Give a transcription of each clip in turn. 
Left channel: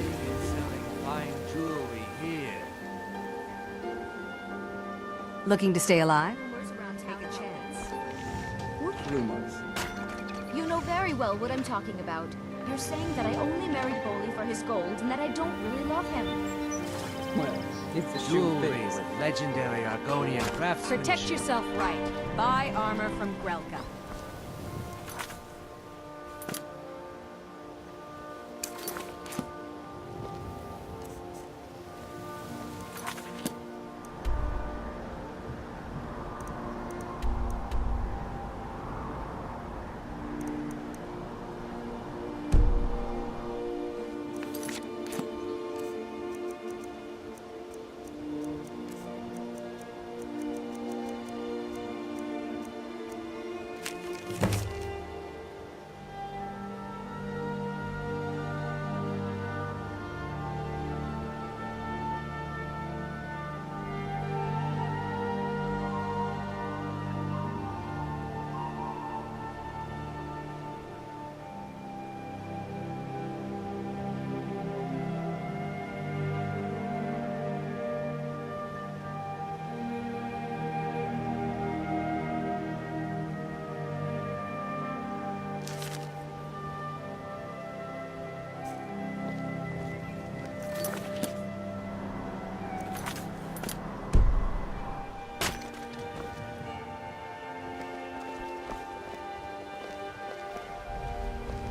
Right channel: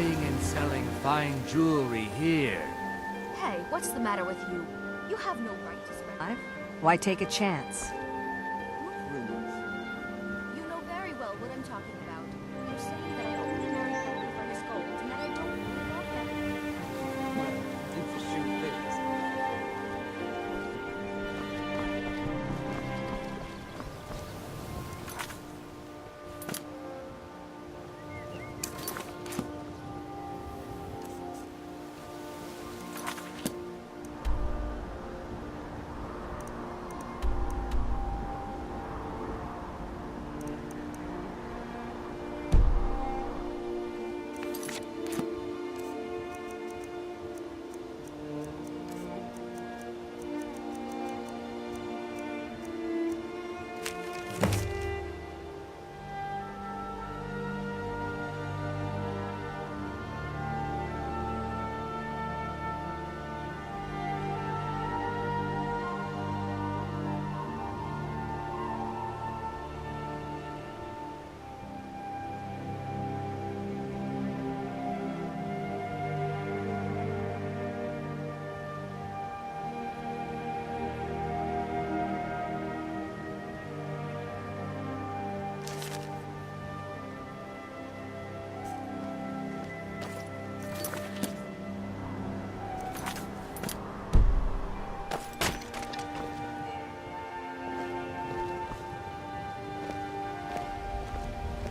Buying and selling fine jewelry here. Hey, what's the matter with you? You have Looking to stay alive? Why take a chance? What rumors? You know very well what I'm talking about. You're saying that I only married Boley for his gold and that I don't really love him. Well, if the shoe Jewelry, fits. legendary Argonian craftsmanship. Protect yourself right. Buy armor from Grelka.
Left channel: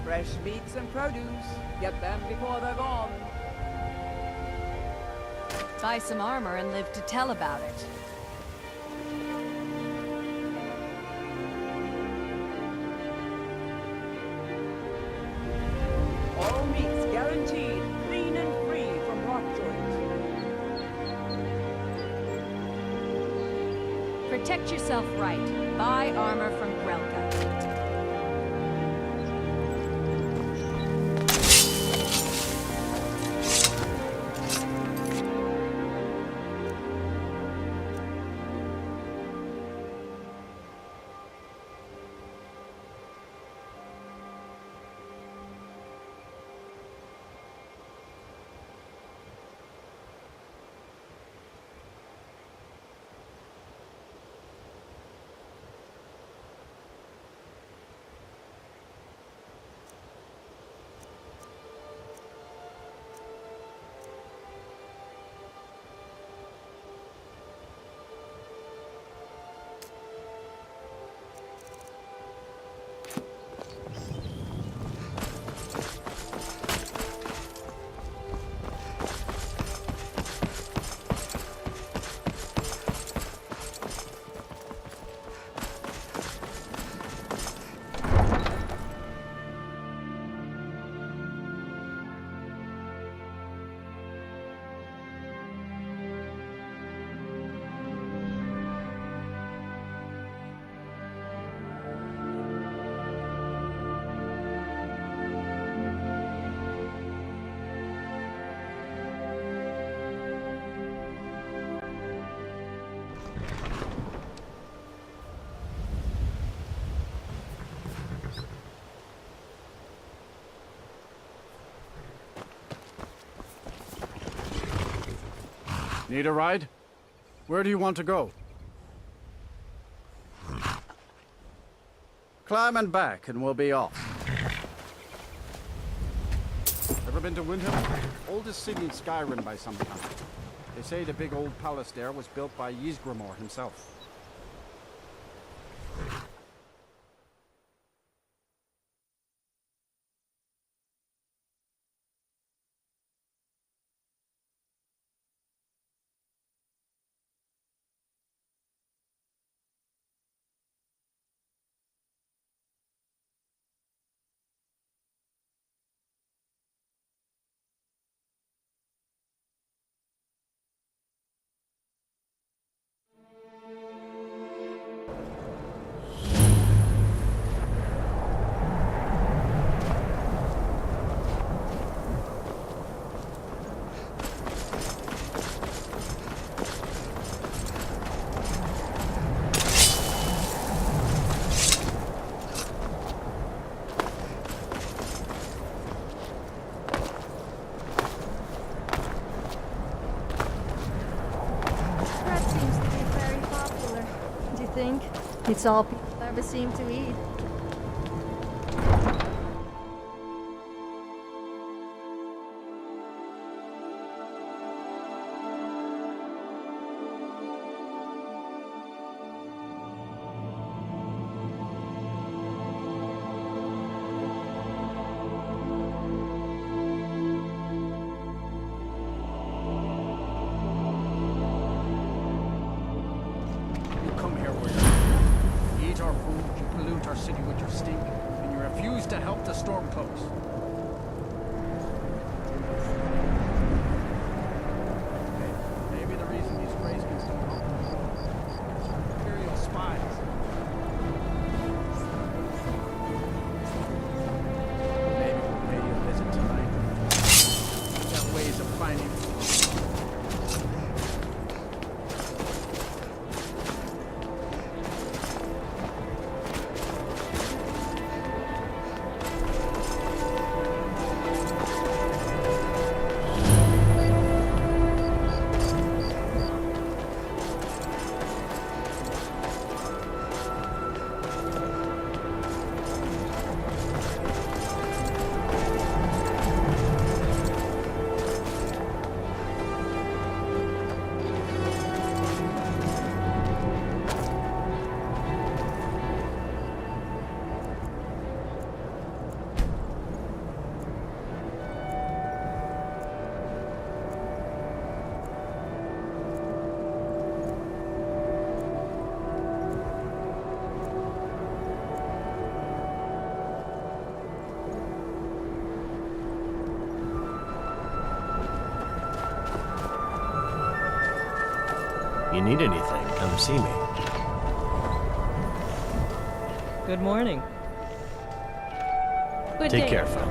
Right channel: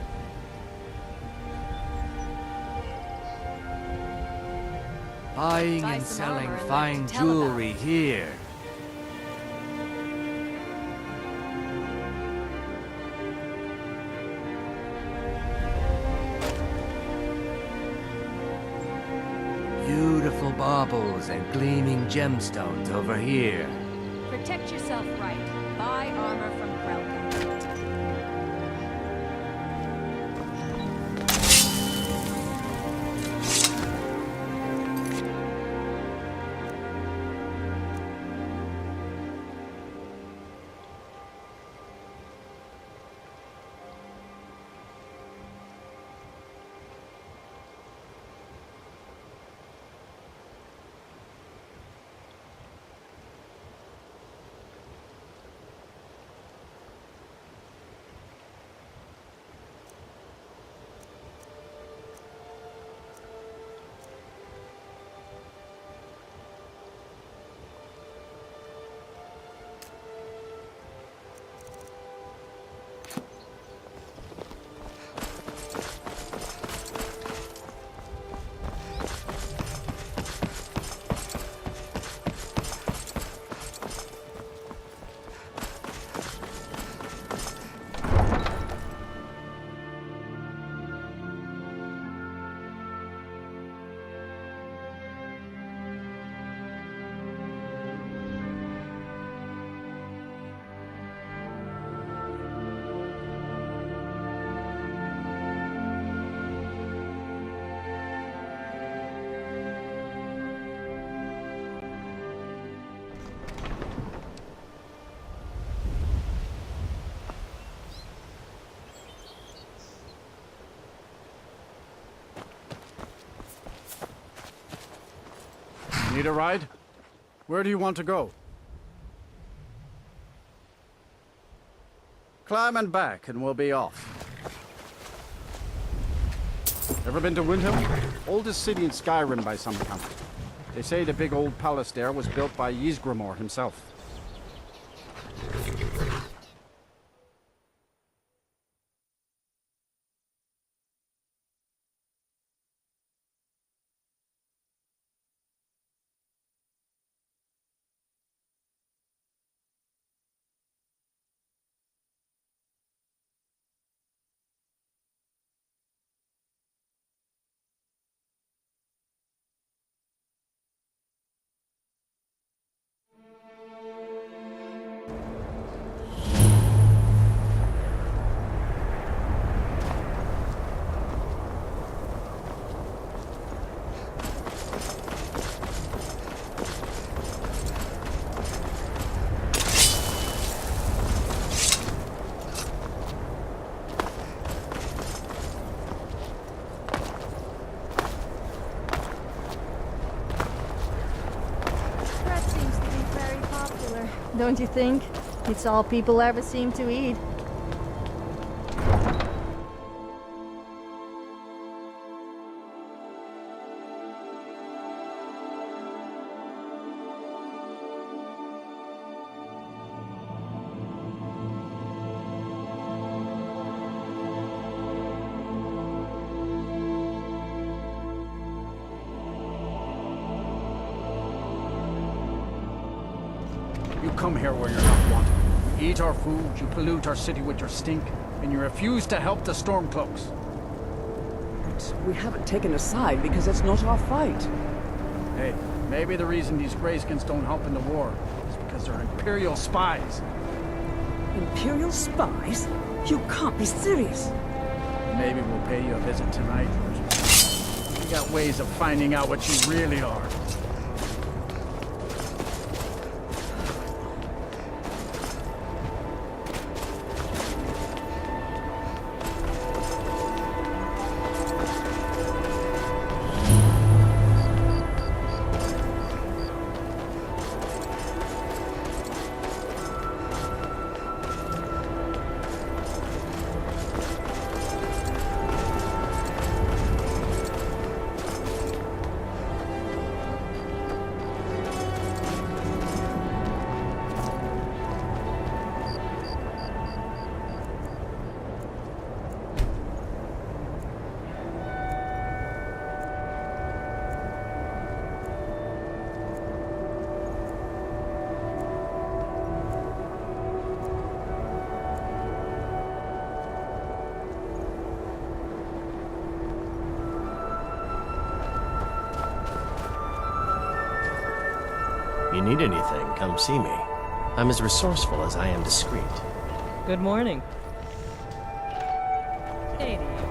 Fresh meats and produce. Get them before they're gone. Buying Buy and some selling armor and live to fine tell about jewelry it. here. All meats guaranteed, clean and free from rotten. Beautiful baubles and gleaming gemstones over here. Protect yourself right. Buy armor from Grelka. Need a ride? Where do you want to go? Climb and back and we'll be off. Ever been to Windhelm? Oldest city in Skyrim by some count. They say the big old palace there was built by Ysgramor himself. don't you think? It's all people ever seem to eat. You come here where you're not wanted. You eat our food, you pollute our city with your stink, and you refuse to help the Stormcloaks. We haven't taken a side because it's not our fight. Hey, maybe the reason these Greyskins don't help in the war is because they're Imperial spies. Imperial spies? You can't be serious. Maybe we'll pay you a visit tonight. We got ways of finding out what you really are. You need anything, come see me. I'm as resourceful as I am discreet. Good morning. Good Take day. care, fella.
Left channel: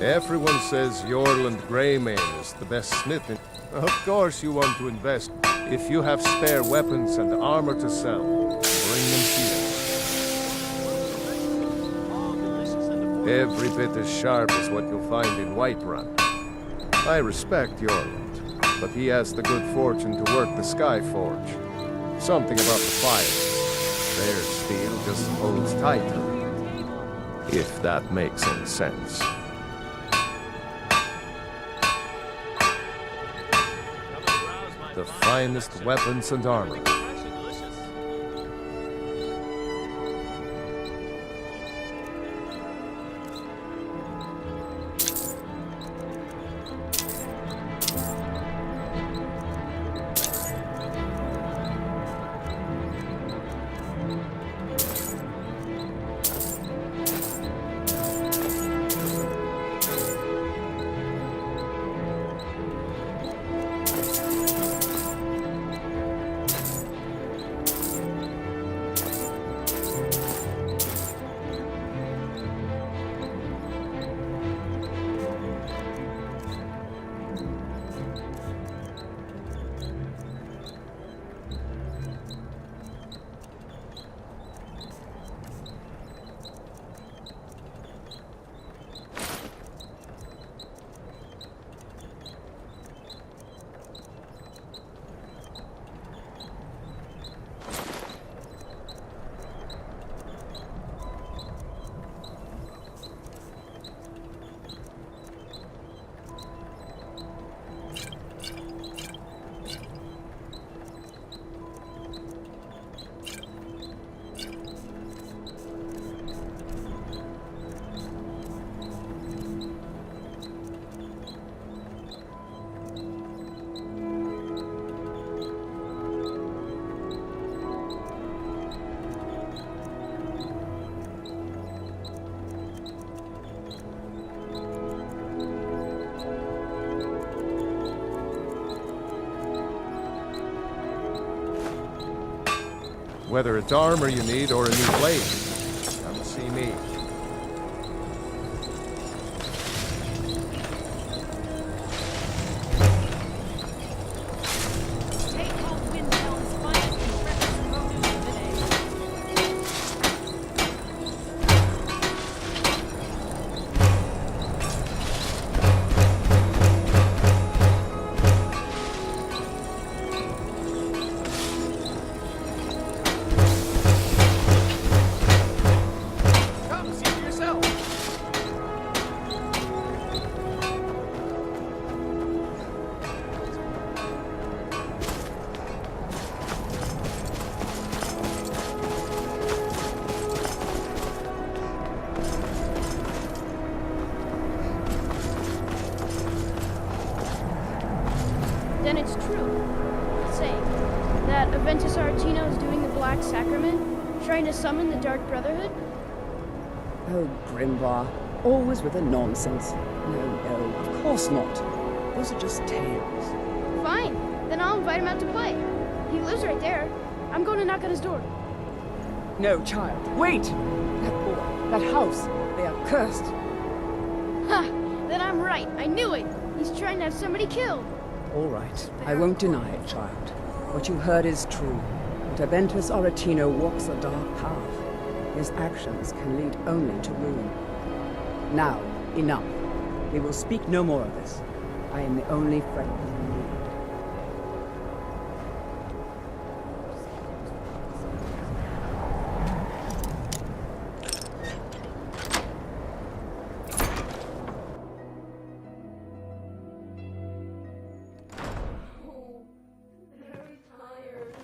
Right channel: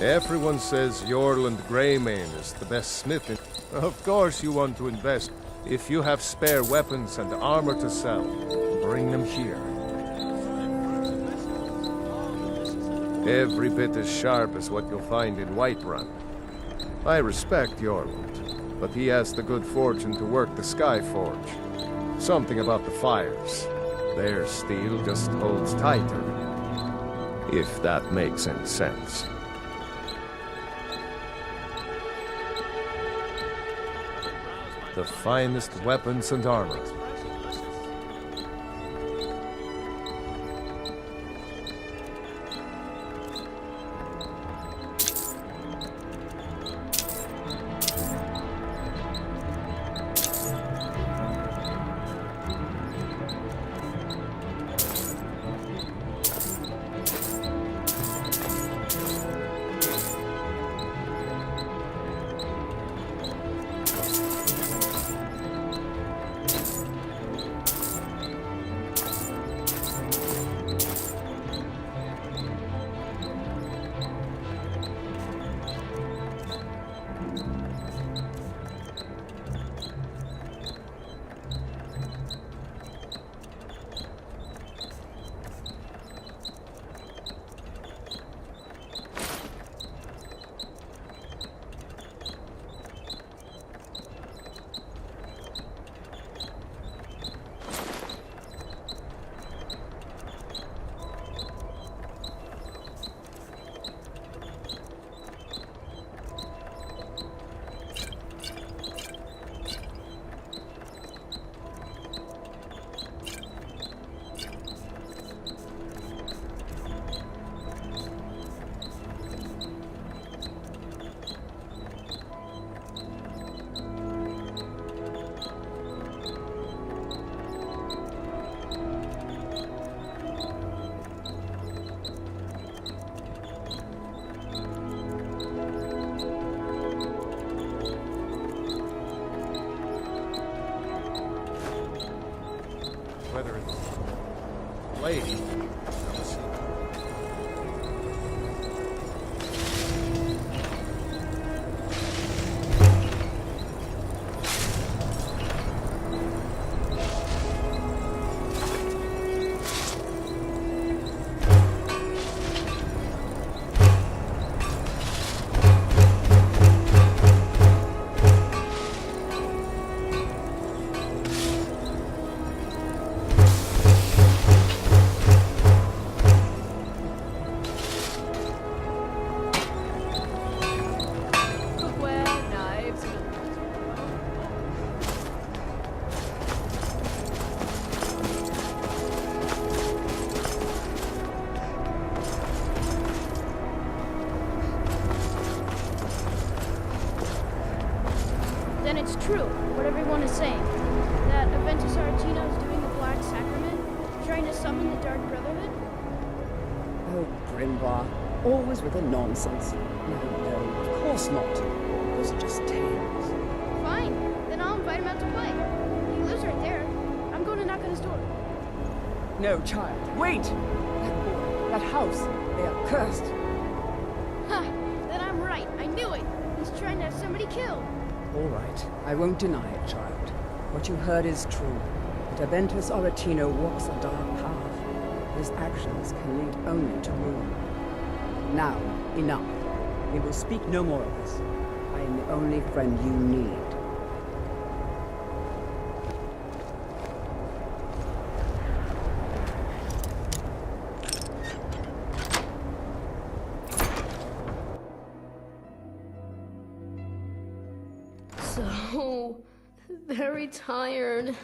Everyone says Yorland Greymane is the best smith in... Of course you want to invest. If you have spare weapons and armor to sell, bring them here. Every bit as sharp as what you'll find in Whiterun. I respect Yorland, but he has the good fortune to work the Skyforge. Something about the fires. Their steel just holds tighter. If that makes any sense. The finest weapons and armor. Whether it's armor you need or a new blade, come see me. what everyone is saying. That Aventus Aretino is doing the Black Sacrament, trying to summon the Dark Brotherhood? Oh, Grimvar. Always with the nonsense. No, of course not. Those are just tales. Fine, then I'll invite him out to play. He lives right there. I'm going to knock on his door. No, child. Wait! That boy, that house, they are cursed. Ha! Then I'm right. I knew it. He's trying to have somebody killed. All right. I won't deny it, child. What you heard is true. But Aventus Aretino walks a dark path. His actions can lead only to ruin. Now, enough. We will speak no more of this. I am the only friend you need. So very tired.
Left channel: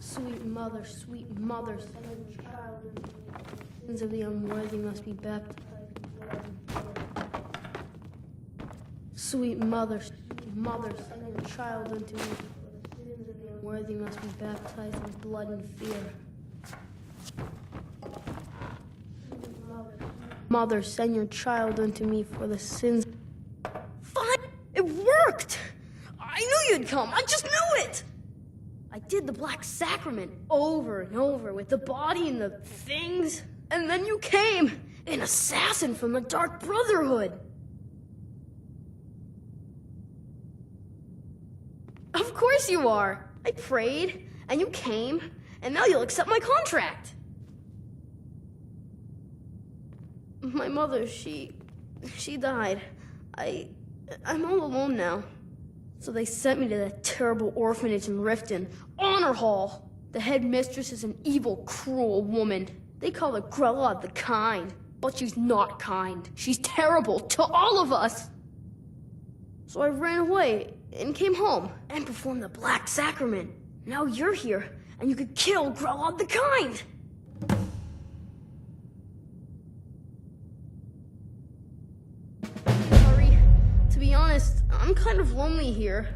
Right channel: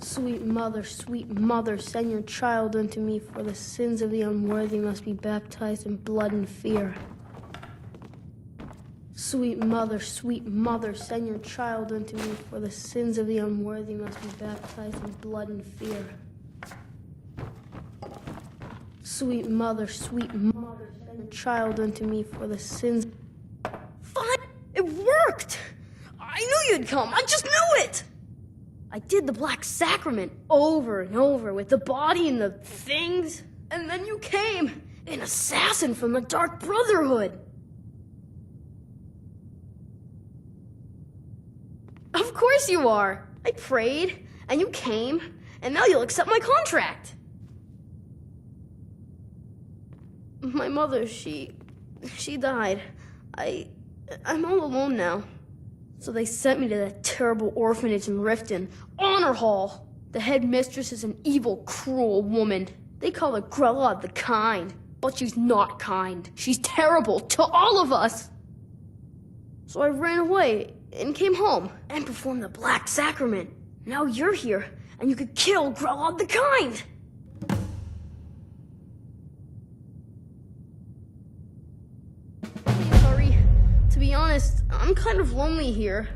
Sweet mother, send your child unto me, for the sins of the unworthy must be baptized in blood and fear. Sweet mother, send your child unto me, for the sins of the unworthy must be baptized in blood and fear. Sweet mother, send your child unto me, for the sins... Fine! It worked! I knew you'd come! I just knew it! I did the Black Sacrament over and over with the body and the things, and then you came, an assassin from the Dark Brotherhood. Of course you are. I prayed, and you came, and now you'll accept my contract. My mother, she died. I'm all alone now. So they sent me to that terrible orphanage in Riften, Honor Hall. The headmistress is an evil, cruel woman. They call her Grella the Kind, but she's not kind. She's terrible to all of us. So I ran away and came home and performed the Black Sacrament. Now you're here, and you could kill Grella the Kind. Please hurry. To be honest, I'm kind of lonely here.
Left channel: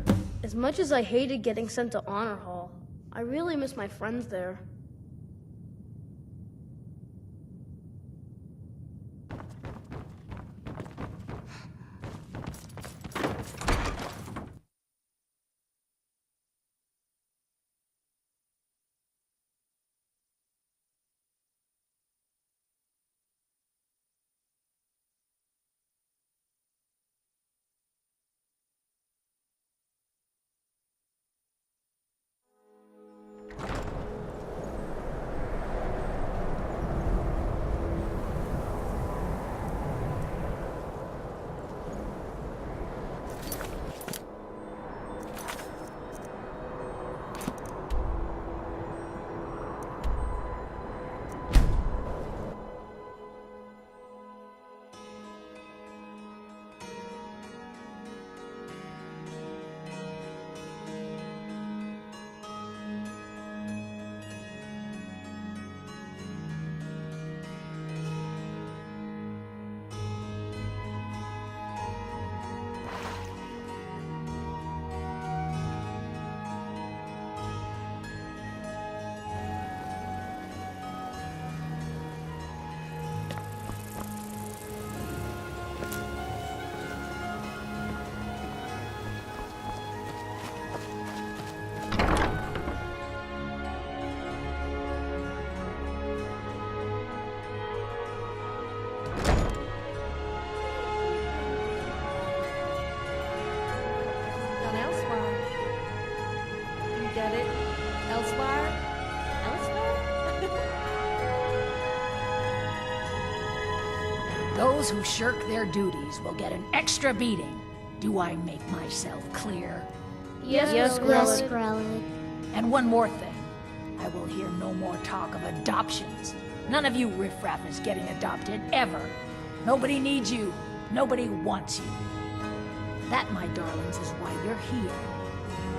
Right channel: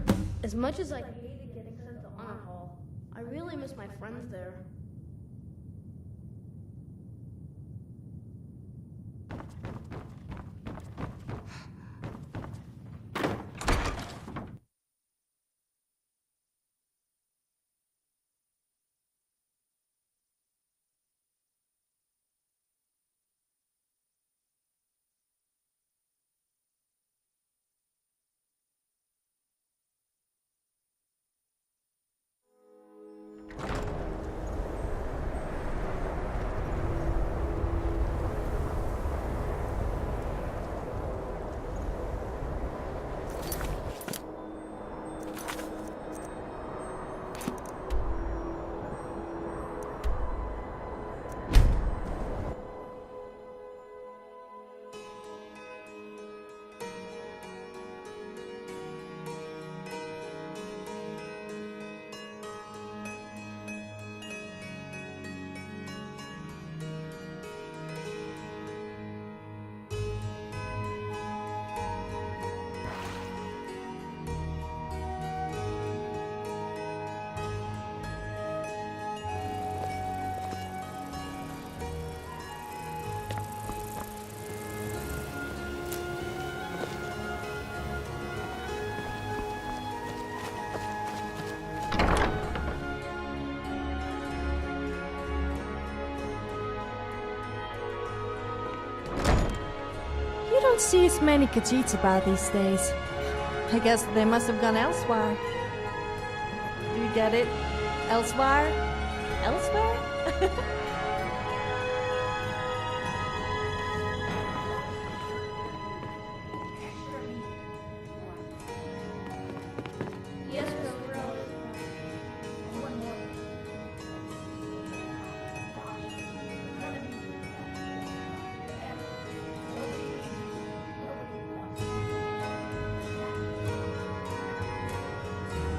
As much as I hated getting sent to Honor Hall, I really miss my friends there. Don't see as many Khajiits about these days. I guess they must have gone elsewhere. Do you get it? Elsewhere? Elsewhere? Those who shirk their duties will get an extra beating. Do I make myself clear? Yes, Grella. And one more thing. I will hear no more talk of adoptions. None of you riffraff is getting adopted, ever. Nobody needs you. Nobody wants you. That, my darlings, is why you're here.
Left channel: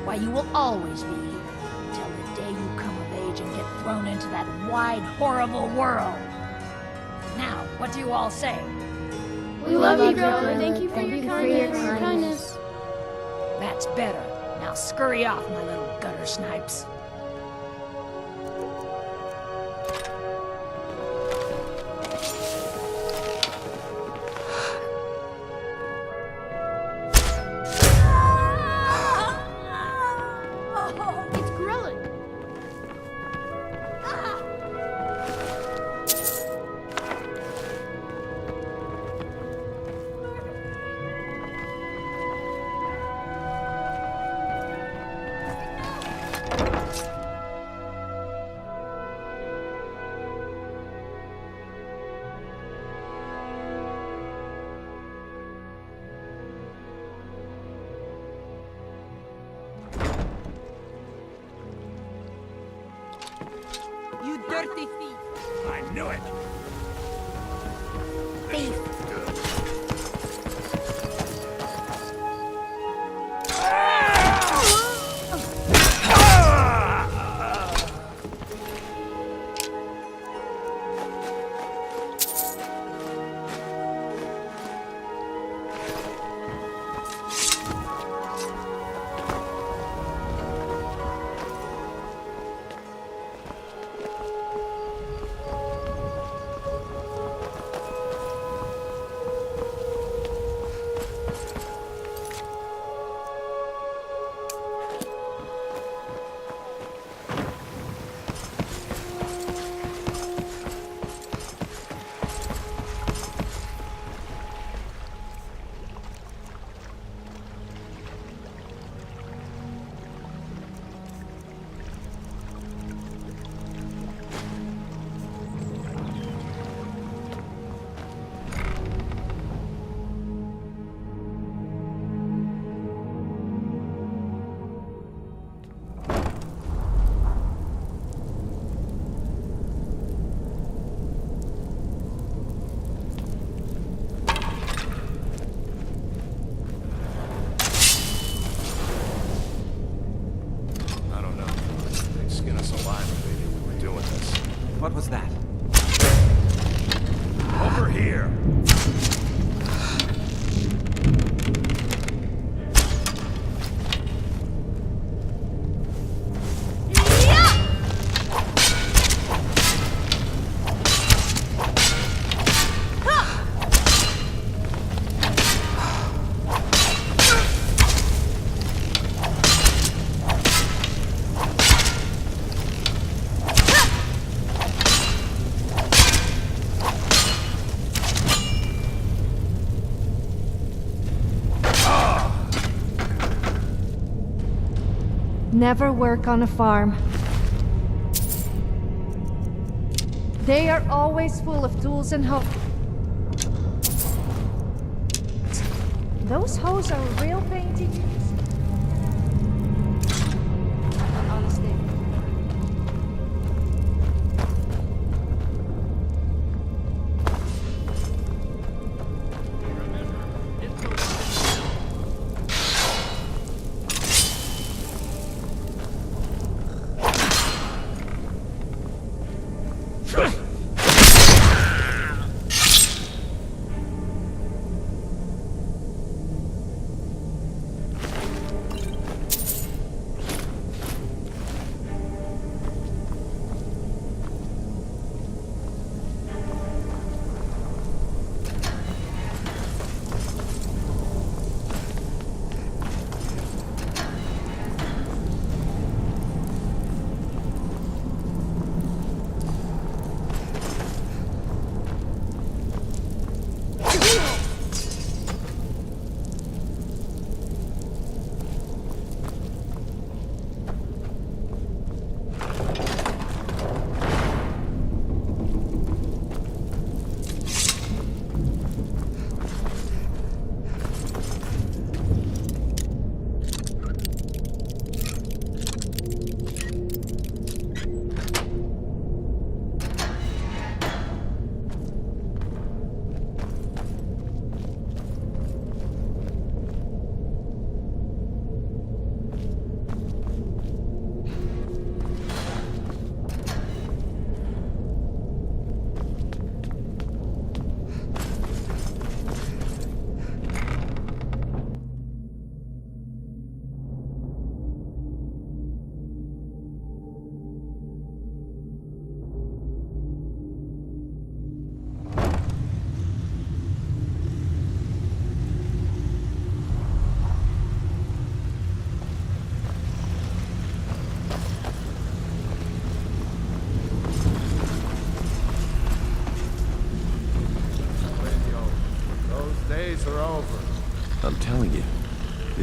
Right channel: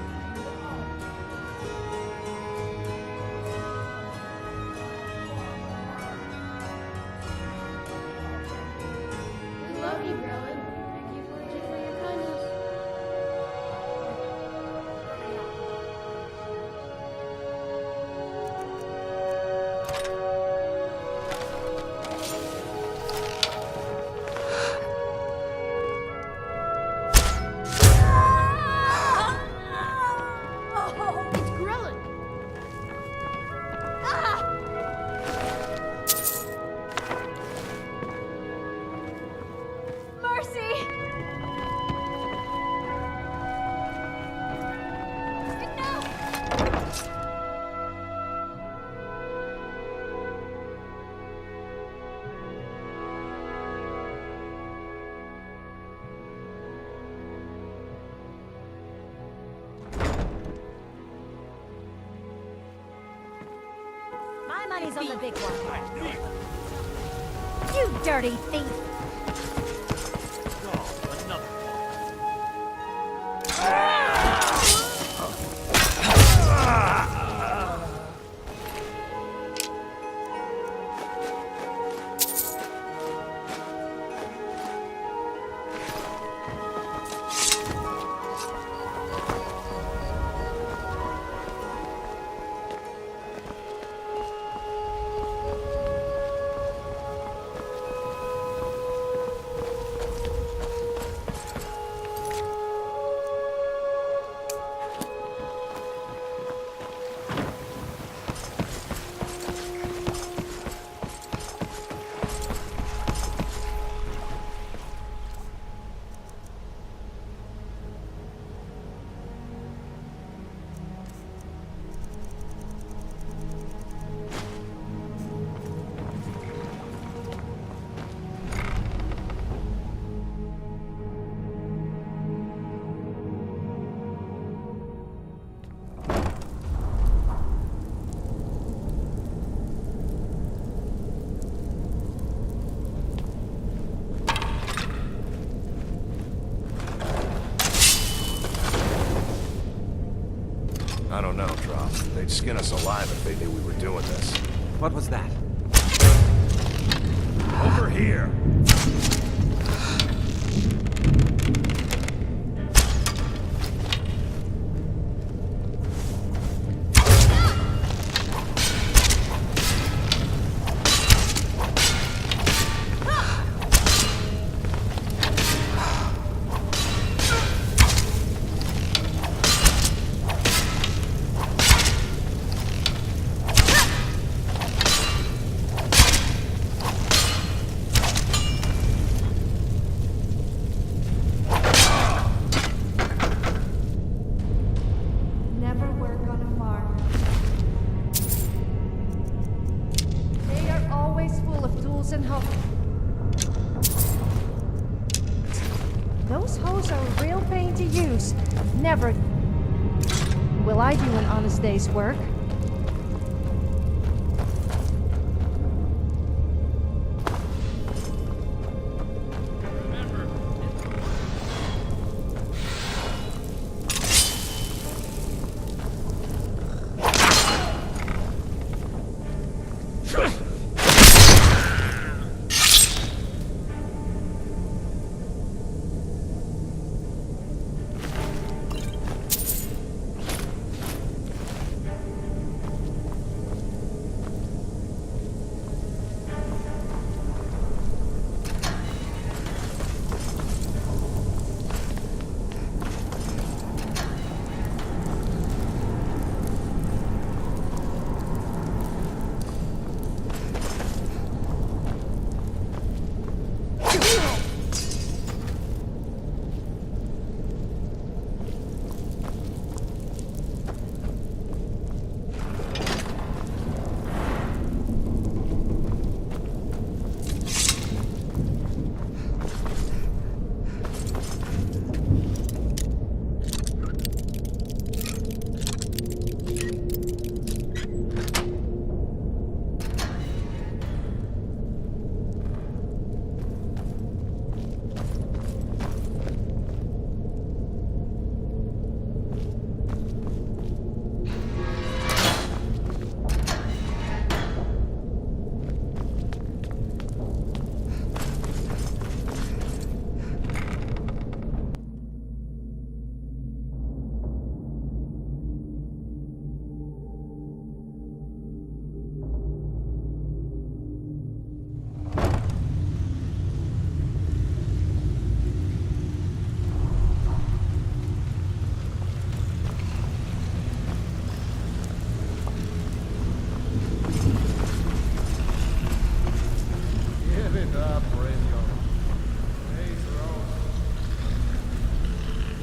Why you will always be here. Till the day you come of age and get thrown into that wide, horrible world. Now, what do you all say? We love you, Grella. Thank you for your kindness. That's better. Now scurry off, my little gutter snipes. It's Grelin. Mercy! You My dirty money's on the thief! big one. I knew it! You dirty thief! I don't know, Drop. They'd skin us alive if they knew we were doing this. What was that? Over here! Never work on a farm. They are always full of tools and hoes. Those hoes are a real pain to use. Never will I do an honest day's work.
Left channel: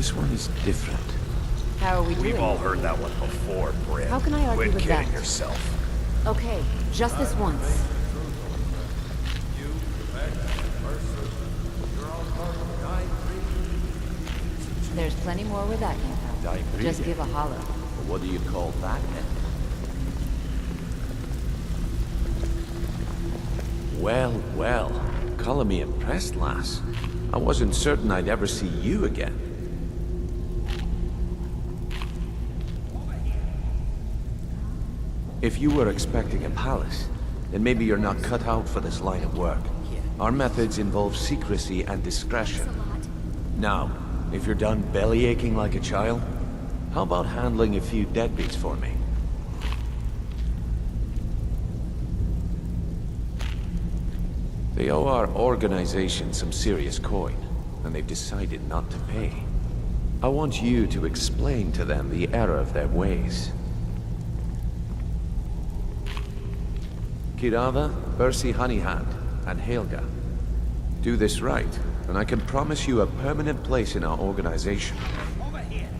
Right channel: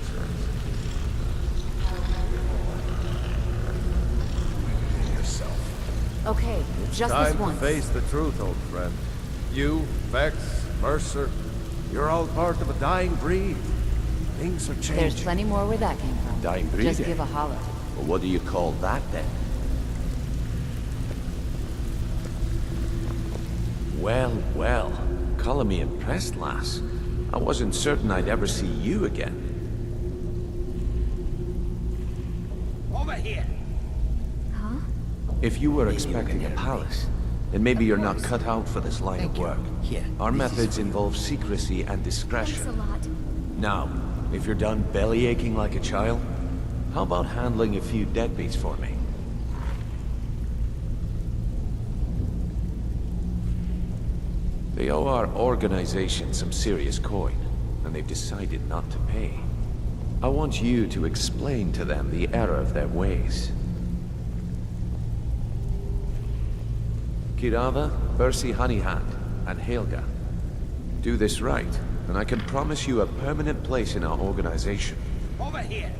This one is different. How are we doing? We've all heard that one before, Bryn. How can I argue Quit with kidding that? yourself. Okay, just this Time to once. face the truth, old friend. You, Vex, Mercer, you're all part of a dying breed. Things are changing. There's plenty more where that came from. Dying breed, Just eh? give a holler. Well, what do you call that, then? Well, well. Calling me impressed, lass. I wasn't certain I'd ever see you again. Over here. If you were expecting a palace, then maybe you're not cut out for this line of work. Our methods involve secrecy and Thanks a discretion. lot. Now, if you're done belly aching like a child, how about handling a few deadbeats for me? They owe our organization some serious coin, and they've decided not to pay. I want you to explain to them the error of their ways. Kirava, Percy Honeyhand, and Helga. Do this right, and I can promise you a permanent place in our organization. Over here.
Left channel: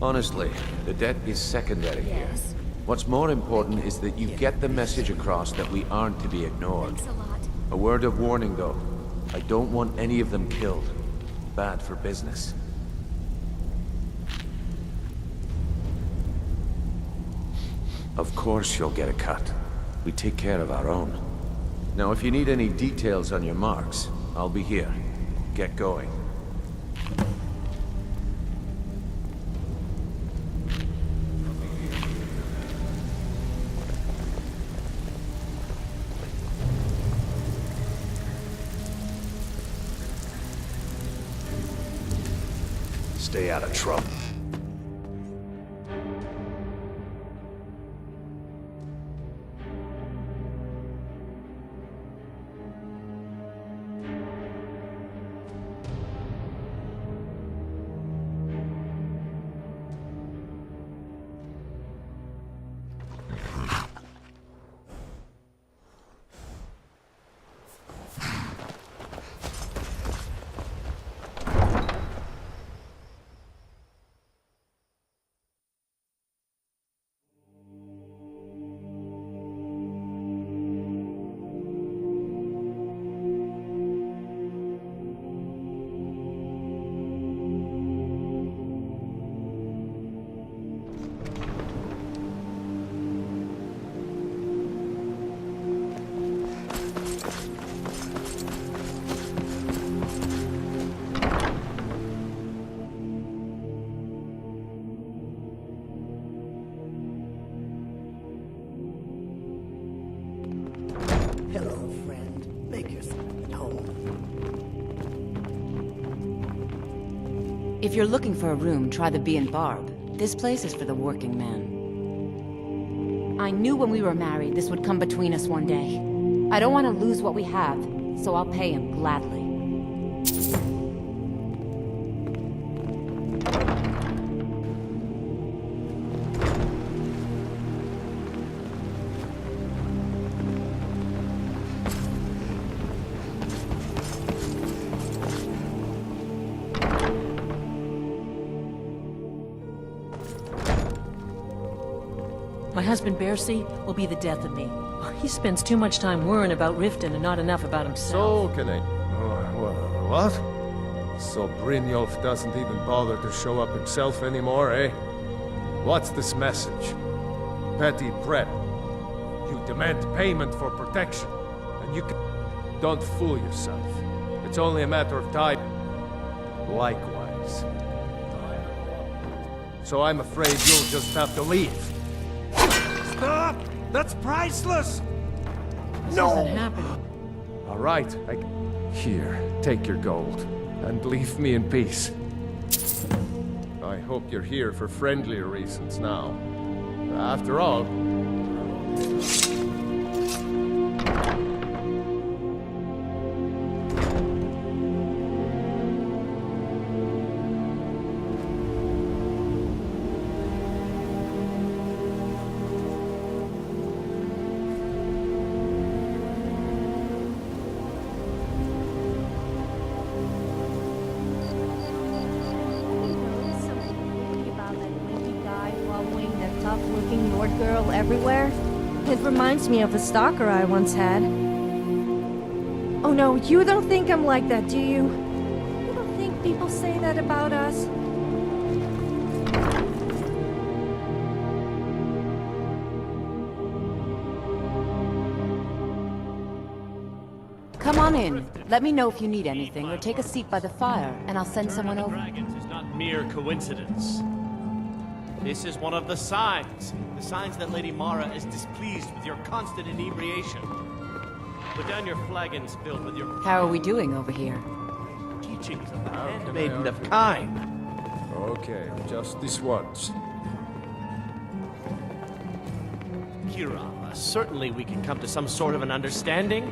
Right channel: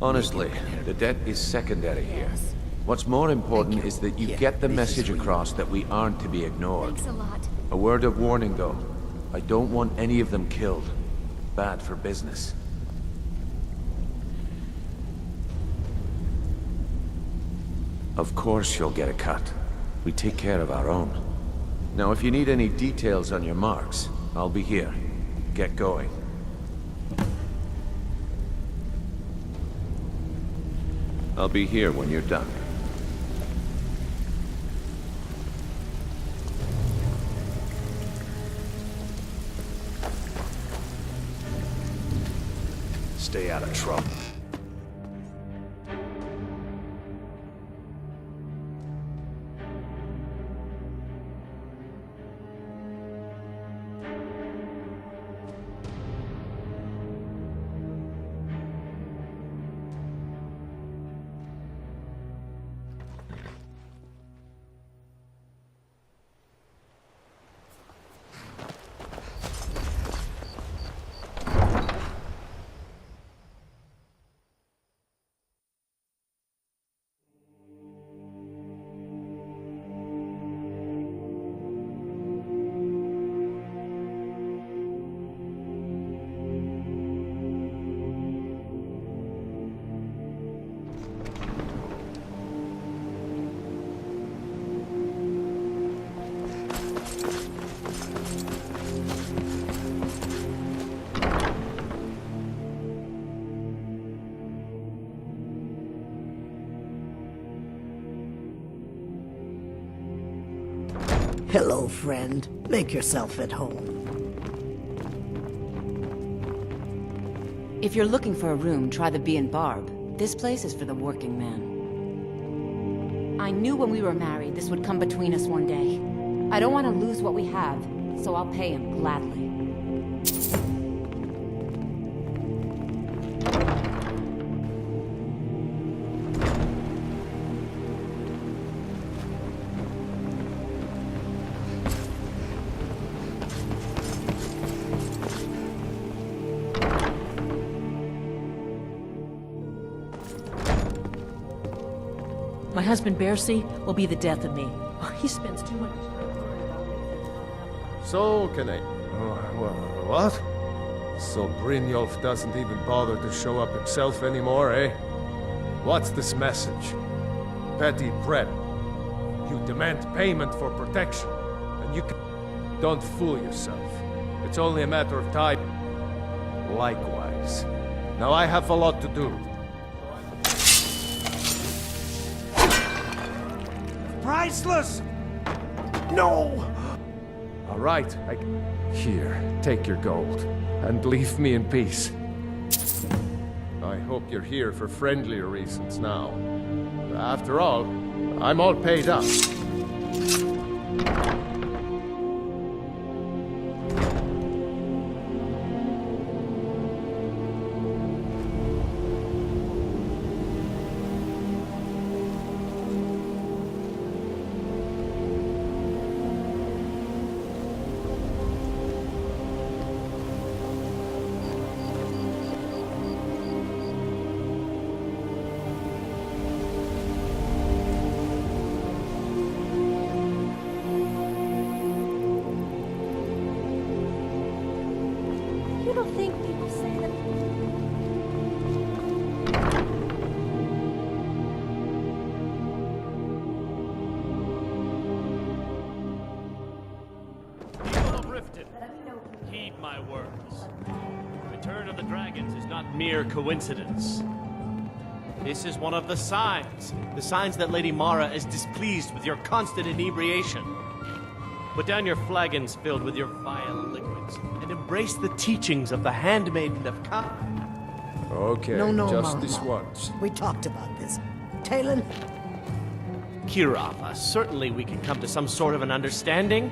Honestly, the debt is secondary here. Yes. What's more important is that you get the message across that we aren't to be ignored. Thanks a lot. A word of warning, though. I don't want any of them killed. Bad for business. Of course you'll get a cut. We take care of our own. Now, if you need any details on your marks, I'll be here. Get going. I'll be here when you're done. Stay out of trouble. Hello, friend. Make yourself at home. If you're looking for a room, try the Bee and Barb. This place is for the working man. I knew when we were married this would come between us one day. I don't want to lose what we have, so I'll pay him gladly. My husband, Bercy, will be the death of me. He spends too much time worrying about Riften and not enough about himself. So can I... what? So Brynjolf doesn't even bother to show up himself anymore, eh? What's this message? Petty threat. You demand payment for protection, and you can... Don't fool yourself. It's only a matter of time. Likewise. Now I have a lot to do, so I'm afraid you'll just have to leave. That's priceless! No! All right, Here, take your gold, and leave me in peace. I hope you're here for friendlier reasons now. After all, I'm all paid up. girl everywhere. It reminds me of the stalker I once had. Oh no, you don't think I'm like that, do you? You don't think people say that about us? Come on in. Let me know if you need anything, or take a seat by the fire, and I'll send someone over. Dragons is not mere coincidence. This is one of the signs that Lady Mara is displeased with your constant inebriation. Put down your flagons filled with your... How are we doing over here? Embrace the teachings of the Handmaiden of Kyne. Okay, No, just Mama. this once. We talked about this. Talon? Kirava, certainly we can come to some sort of an understanding.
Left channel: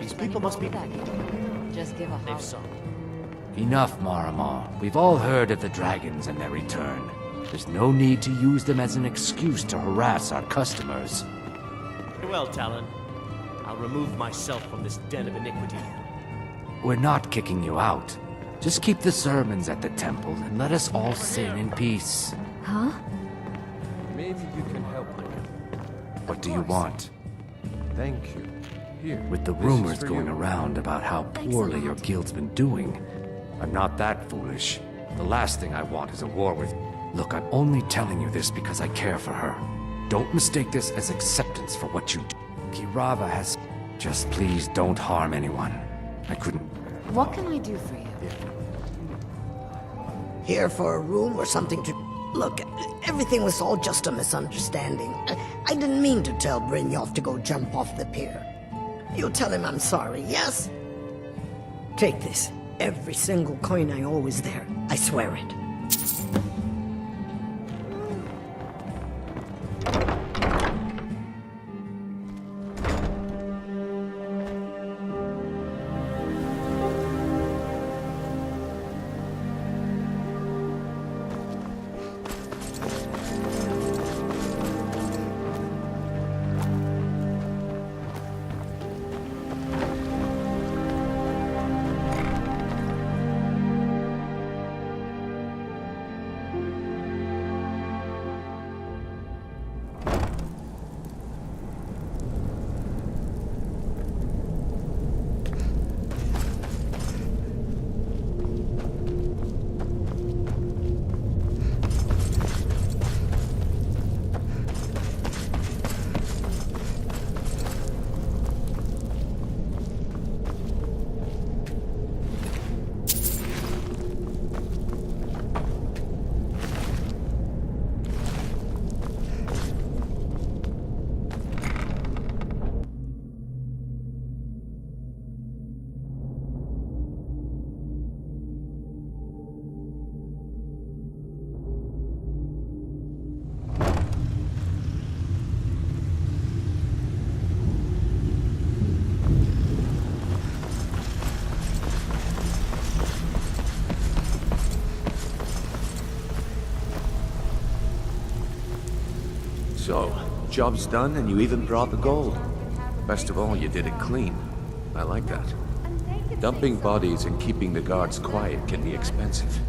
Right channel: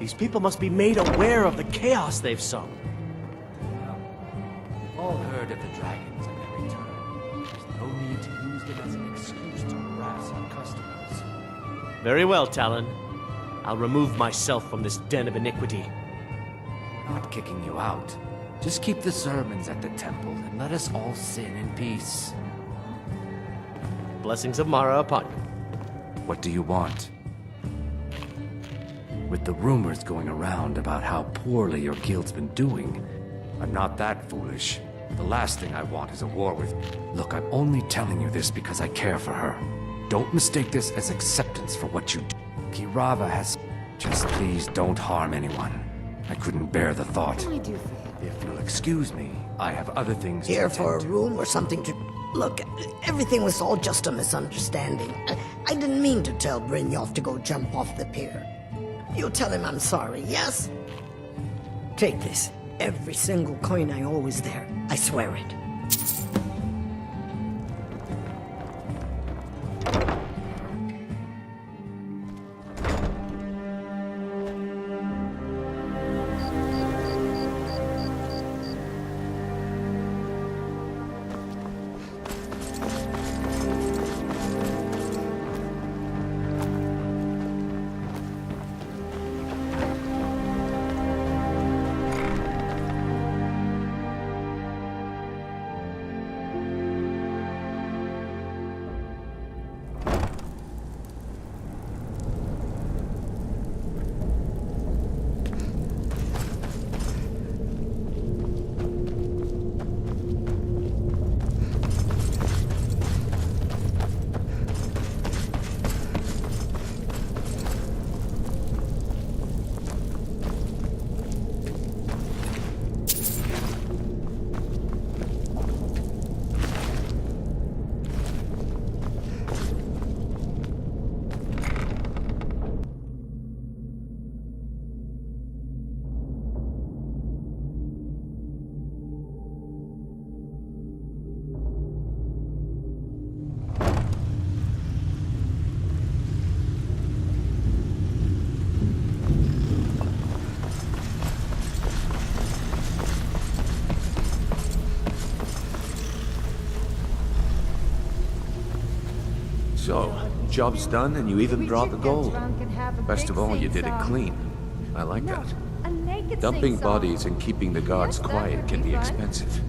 These people must be made aware of the chaos they've sown. Enough, Marama. We've all heard of the dragons and their return. There's no need to use them as an excuse to harass our customers. Very well, Talon. I'll remove myself from this den of iniquity. We're not kicking you out. Just keep the sermons at the temple and let us all sin in peace. Huh? Blessings of Mara upon you. What do you want? Thank you. Here. With the rumors going around about how poorly your guild's been doing, I'm not that foolish. The last thing I want is a war with... Look, I'm only telling you this because I care for her. Don't mistake this as acceptance for what you do. Kirava has... Just please don't harm anyone. I couldn't bear the thought. What can I do for you? If you'll excuse me, I have other things... Here for a room or something to... Look, everything was all just a misunderstanding. I didn't mean to tell Brynjolf to go jump off the pier. You tell him I'm sorry, yes? Take this. Every single coin I owe is there. I swear it. So, job's done and you even brought the gold. Best of all, you did it clean. I like that. Dumping bodies and keeping the guards quiet can be expensive.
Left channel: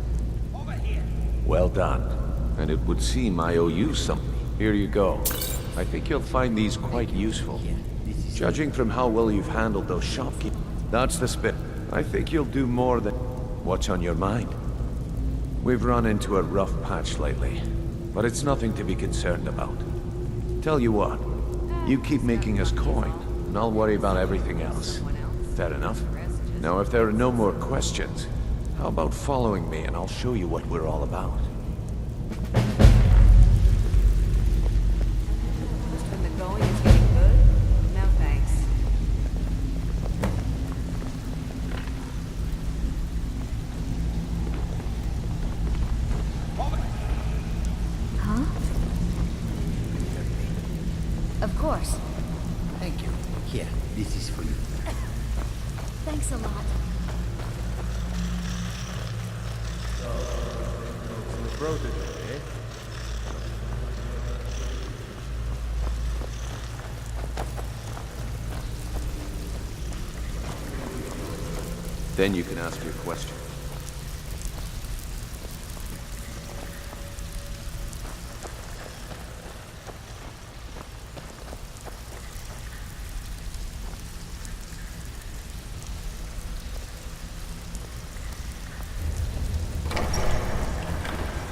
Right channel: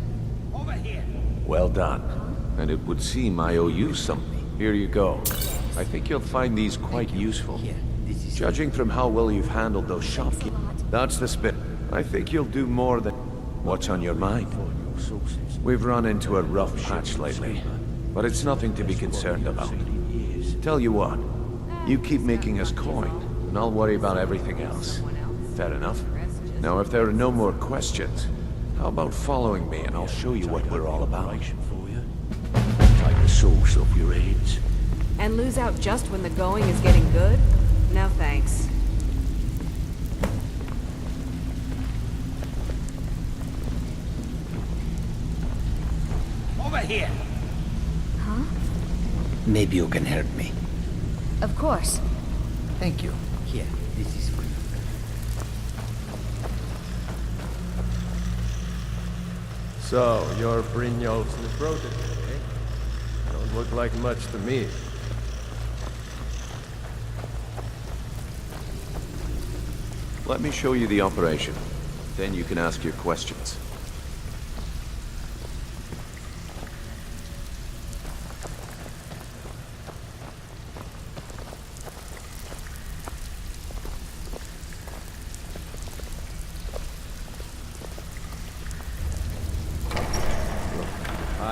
Well done. And it would seem I owe you something. Here you go. I think you'll find these quite useful. Judging from how well you've handled those shopkeepers. That's the spit. I think you'll do more than... What's on your mind? We've run into a rough patch lately, but it's nothing to be concerned about. Tell you what, you keep making us coin, and I'll worry about everything else. Fair enough? Now, if there are no more questions, how about following me and I'll show you what we're all about? And lose out just when the going is getting good? No thanks. Over here! Huh? Maybe you can help me. Of course. Thank you. Here, this is for you. Thanks a lot. So, you're Brynjolf's new protege, eh? Don't look like much to me. Let me show you the operation. Then you can ask your questions.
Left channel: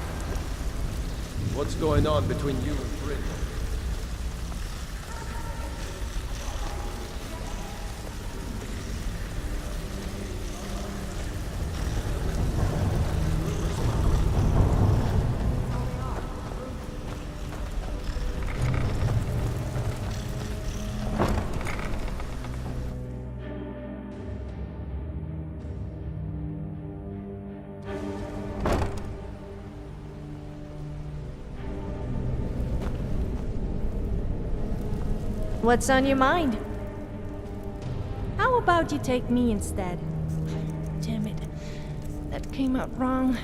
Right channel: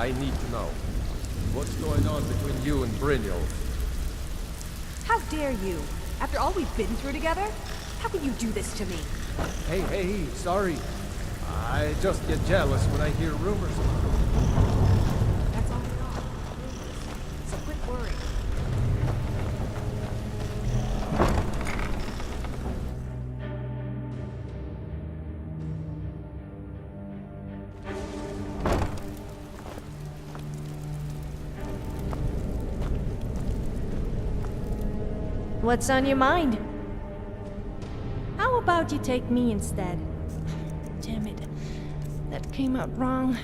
I need to know. What's going on between you and Brynjolf? How dare you? After all we've been through together? How can you do this to me? Hey, sorry. I just get jealous when I hear rumors about it. That's all they are. Rumors. It's a quick word. What's on your mind? How about you take me instead? Damn it. That came out wrong.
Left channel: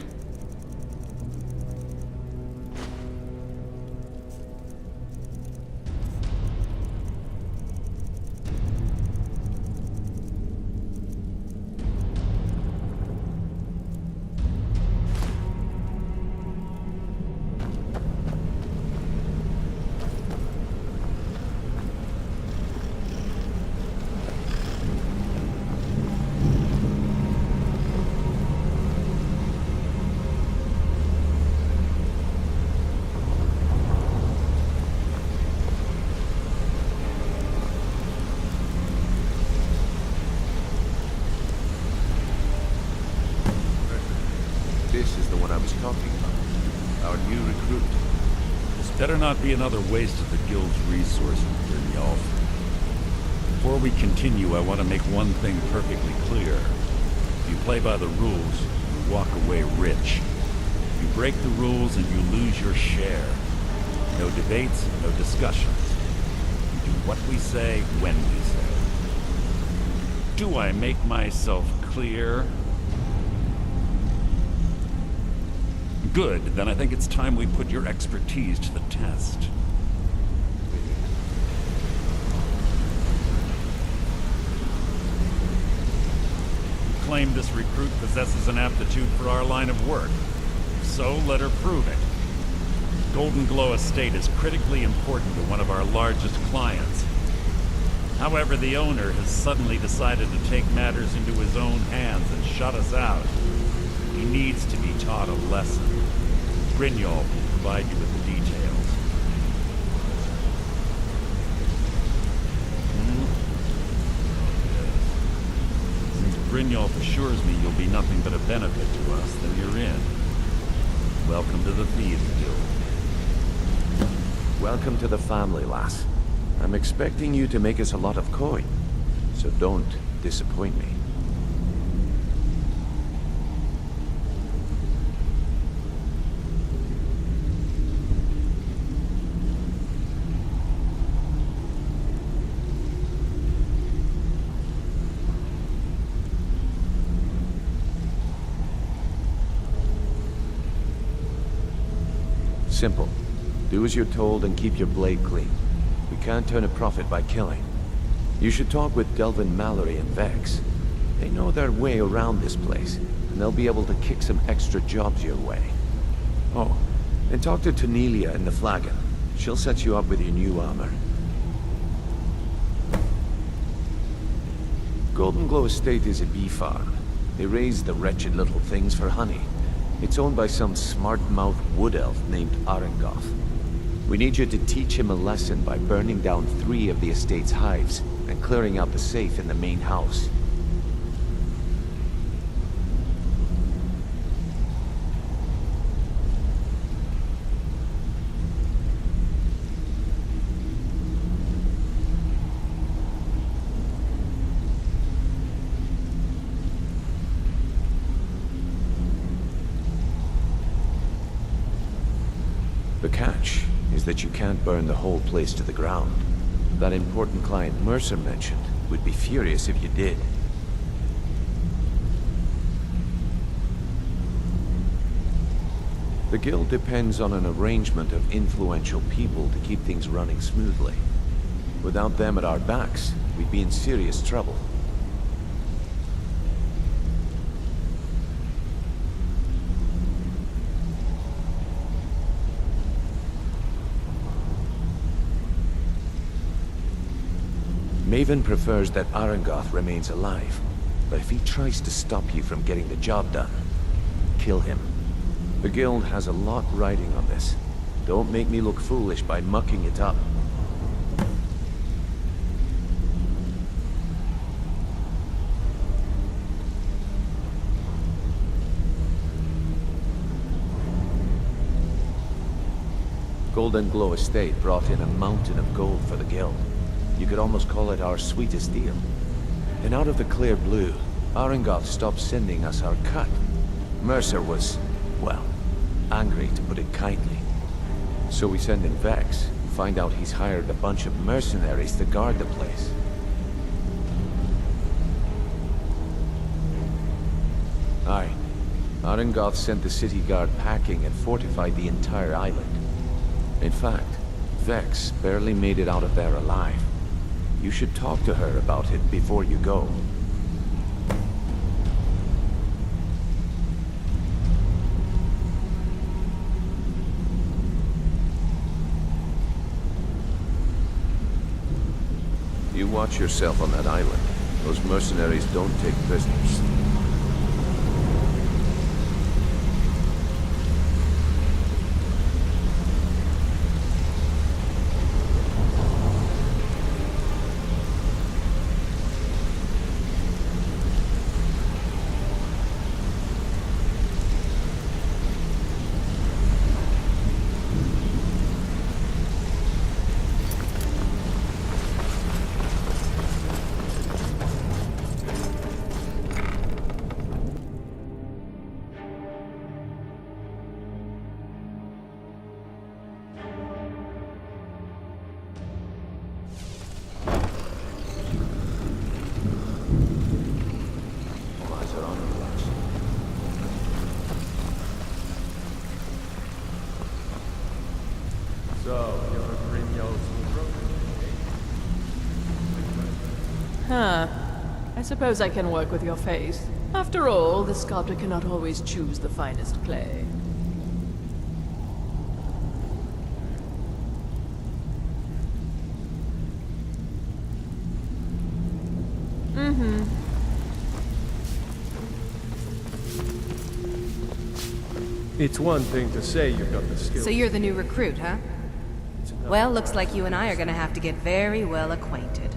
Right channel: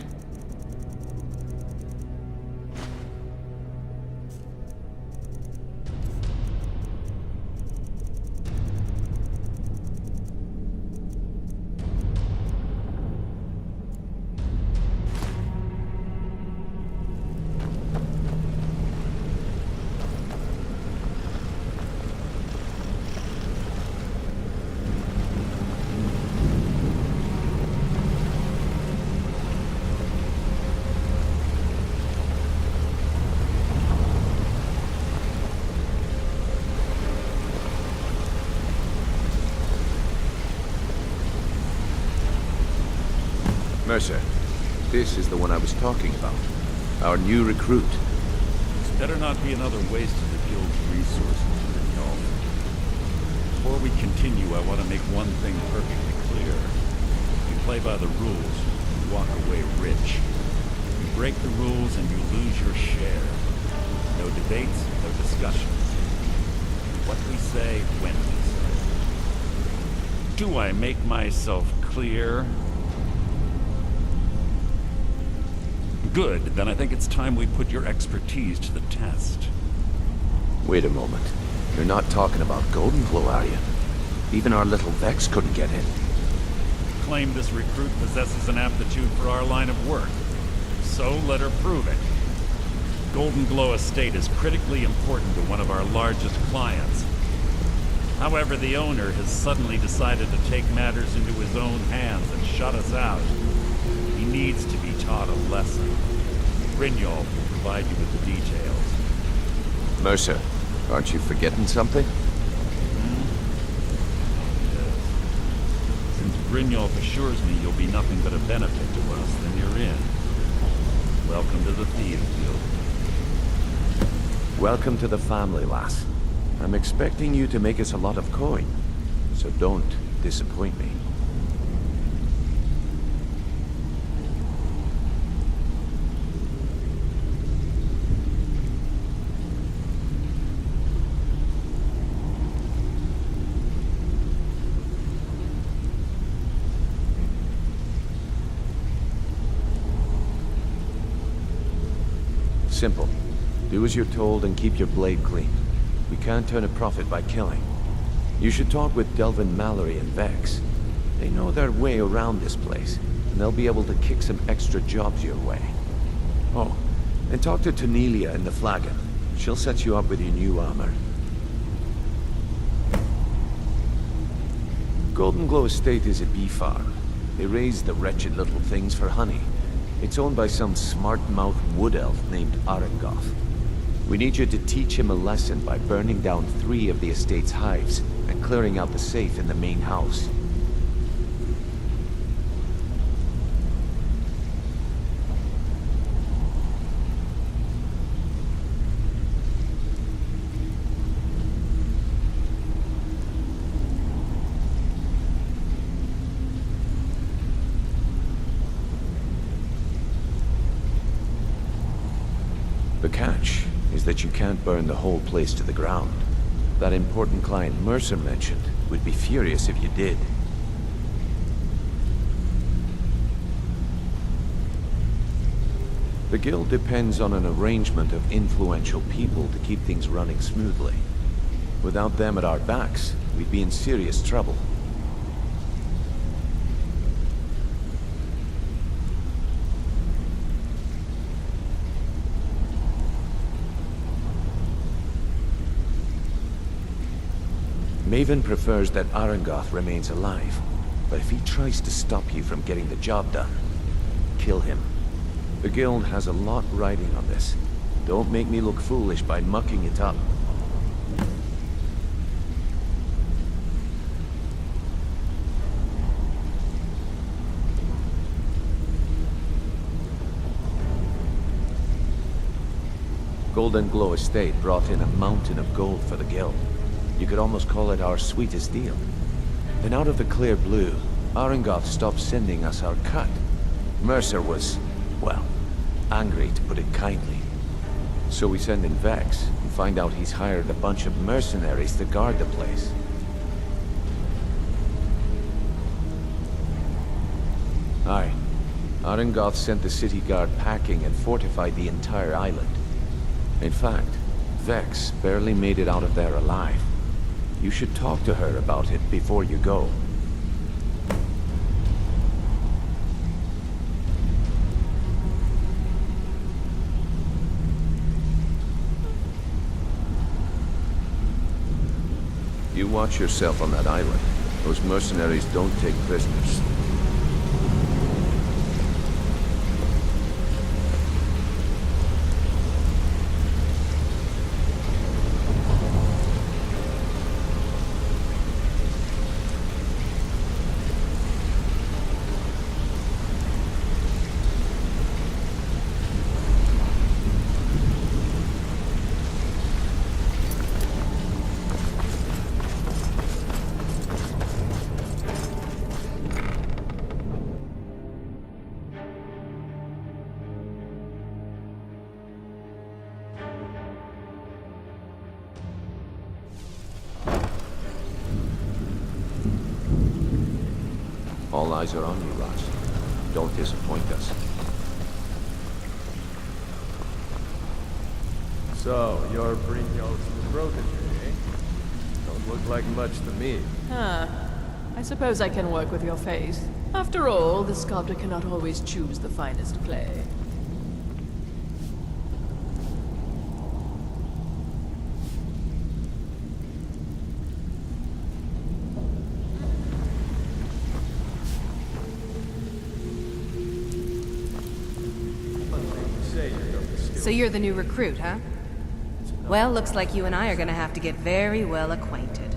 Mercer, this is the one I was talking about. Our new recruit. This better not be another waste of the Guild's resources, Brynjolf. Before we continue, I want to make one thing perfectly clear. If you play by the rules, you walk away rich. You break the rules and you lose your share. No debates, no discussions. We do what we say, when we say. Do I make myself clear? Good, then I think it's time we put your expertise to the test. Wait a moment. You're not talking about Golden Glow, are you? Even our little Vex couldn't get in. You claim this recruit possesses an aptitude for our line of work. So let her prove it. Golden Glow Estate is critically important to one of our largest clients. However, the owner has suddenly decided to take matters into his own hands and shut us out. He needs to be taught a lesson. Brynjolf will provide you with the details. Mercer, aren't you forgetting something? Oh, yes. Since Brynjolf assures me you'll be nothing but a benefit to us, then you're in. Welcome to the Thieves Guild. Welcome to the family, lass. I'm expecting you to make us a lot of coin, so don't disappoint me. Simple. Do as you're told and keep your blade clean. We can't turn a profit by killing. You should talk with Delvin Mallory and Vex. They know their way around this place, and they'll be able to kick some extra jobs your way. Oh, and talk to Tanelia in the Flagon. She'll set you up with your new armor. Golden Glow Estate is a bee farm. They raise the wretched little things for honey. It's owned by some smart-mouthed wood elf named Arengoth. We need you to teach him a lesson by burning down 3 of the estate's hives and clearing out the safe in the main house. The catch is that you can't burn the whole place to the ground. That important client Mercer mentioned would be furious if you did. The guild depends on an arrangement of influential people to keep things running smoothly. Without them at our backs, we'd be in serious trouble. Maven prefers that Arengoth remains alive, but if he tries to stop you from getting the job done, kill him. The guild has a lot riding on this. Don't make me look foolish by mucking it up. Golden Glow Estate brought in a mountain of gold for the guild. You could almost call it our sweetest deal. Then out of the clear blue, Arengoth stopped sending us our cut. Mercer was, well, angry to put it kindly. So we send in Vex and find out he's hired a bunch of mercenaries to guard the place. Aye. Arengoth sent the city guard packing and fortified the entire island. In fact, Vex barely made it out of there alive. You should talk to her about it before you go. You watch yourself on that island. Those mercenaries don't take prisoners. All eyes are on you, lass. Don't disappoint us. So, you're Brynjolf's protege, eh? Don't look like much to me. Huh. I suppose I can work with your face. After all, the sculptor cannot always choose the finest clay. It's one thing to say you've got the skill. So you're the new recruit, huh? Well, looks like you and I are gonna have to get very well acquainted.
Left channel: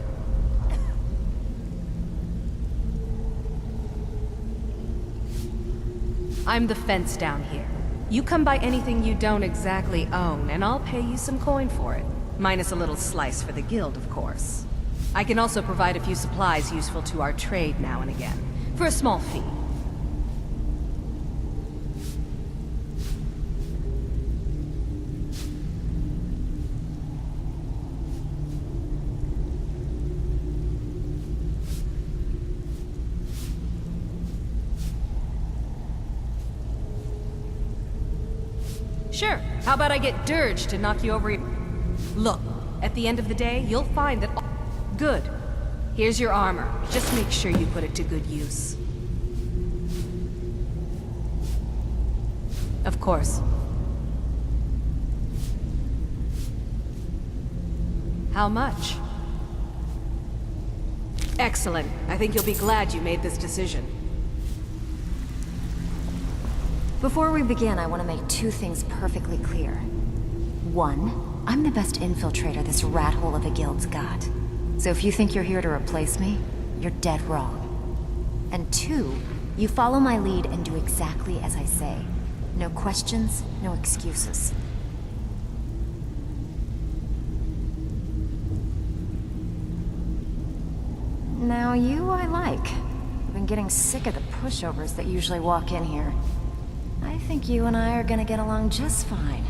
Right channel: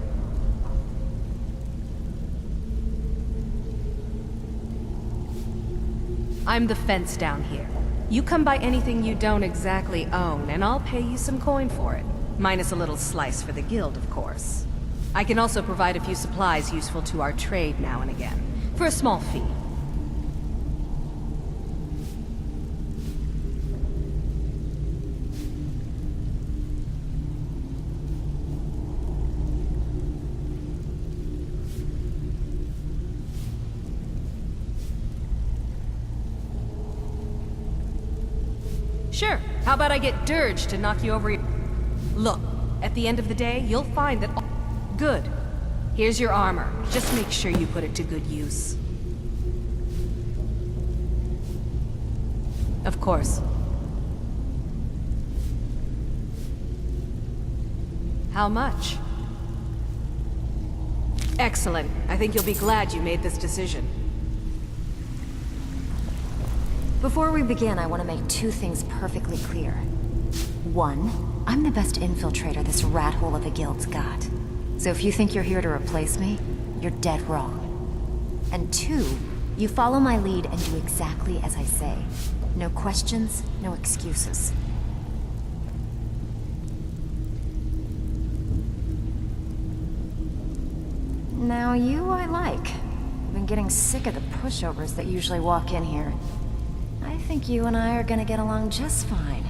I'm the fence down here. You come by anything you don't exactly own, and I'll pay you some coin for it. Minus a little slice for the guild, of course. I can also provide a few supplies useful to our trade now and again, for a small fee. Sure. How about I get Dirge to knock you over your... Look, at the end of the day, you'll find that... Good. Here's your armor. Just make sure you put it to good use. Of course. How much? Excellent. I think you'll be glad you made this decision. Before we begin, I want to make two things perfectly clear. One, I'm the best infiltrator this rat hole of a guild's got. So if you think you're here to replace me, you're dead wrong. And two, you follow my lead and do exactly as I say. No questions, no excuses. Now you I like. I've been getting sick of the pushovers that usually walk in here. I think you and I are gonna get along just fine.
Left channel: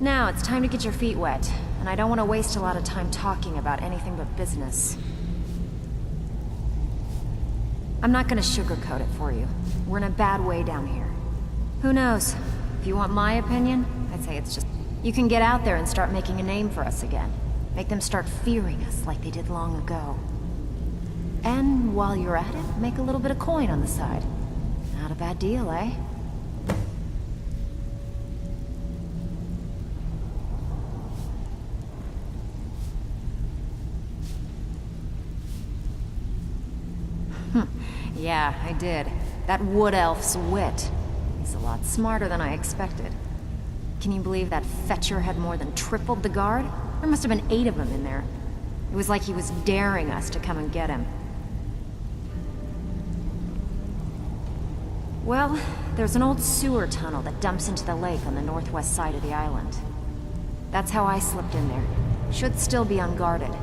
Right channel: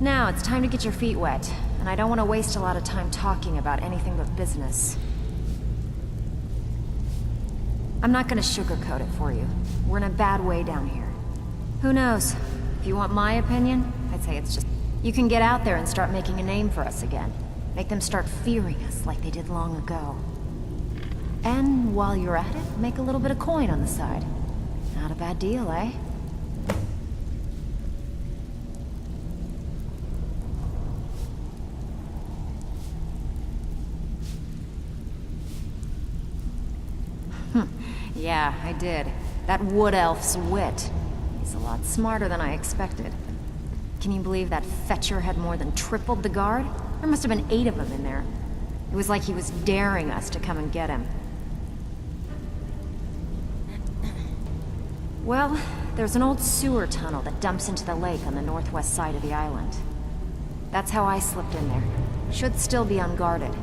Now, it's time to get your feet wet, and I don't want to waste a lot of time talking about anything but business. I'm not gonna sugarcoat it for you. We're in a bad way down here. Who knows? If you want my opinion, I'd say it's just... You can get out there and start making a name for us again. Make them start fearing us like they did long ago. And while you're at it, make a little bit of coin on the side. Not a bad deal, eh? Yeah, I did. That wood elf's wit. He's He's a lot smarter than I expected. Can you believe that fetcher had more than tripled the guard? There must have been 8 of them in there. It was like he was daring us to come and get him. Well, there's an old sewer tunnel that dumps into the lake on the northwest side of the island. That's how I slipped in there. Should still be unguarded.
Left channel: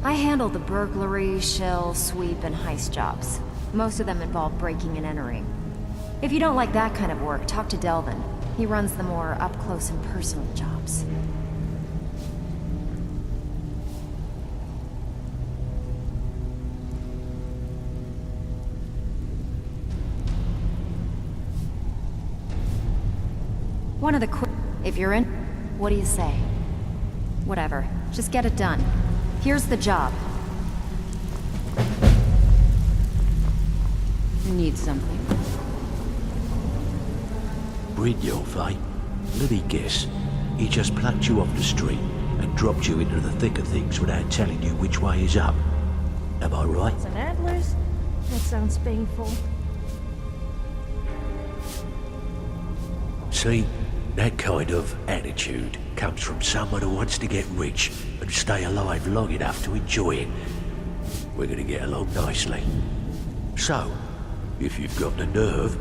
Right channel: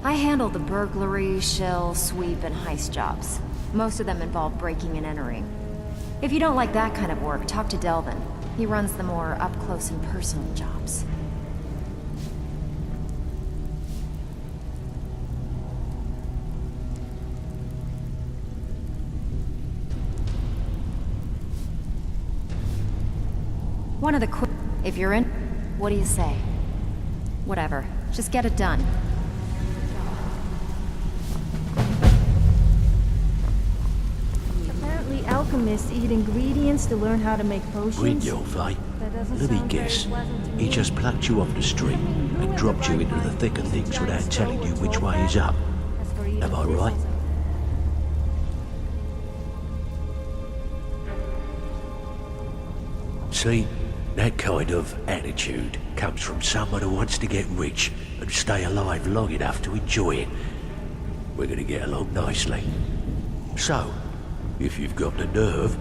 I handle the burglary, shell, sweep, and heist jobs. Most of them involve breaking and entering. If you don't like that kind of work, talk to Delvin. He runs the more up-close and personal jobs. One of the if you're in, what do you say? Whatever, just get it done. Here's the job. I need some. Apparently alchemists eat ingredients to learn how to make potions. Brynjolf, eh? Let me guess. He just plucked you off the street and dropped you into the thick of things without telling you which way is up. Am I right? That sounds painful. See, that kind of attitude comes from someone who wants to get rich and stay alive long enough to enjoy it. We're gonna get along nicely. So, if you've got the nerve,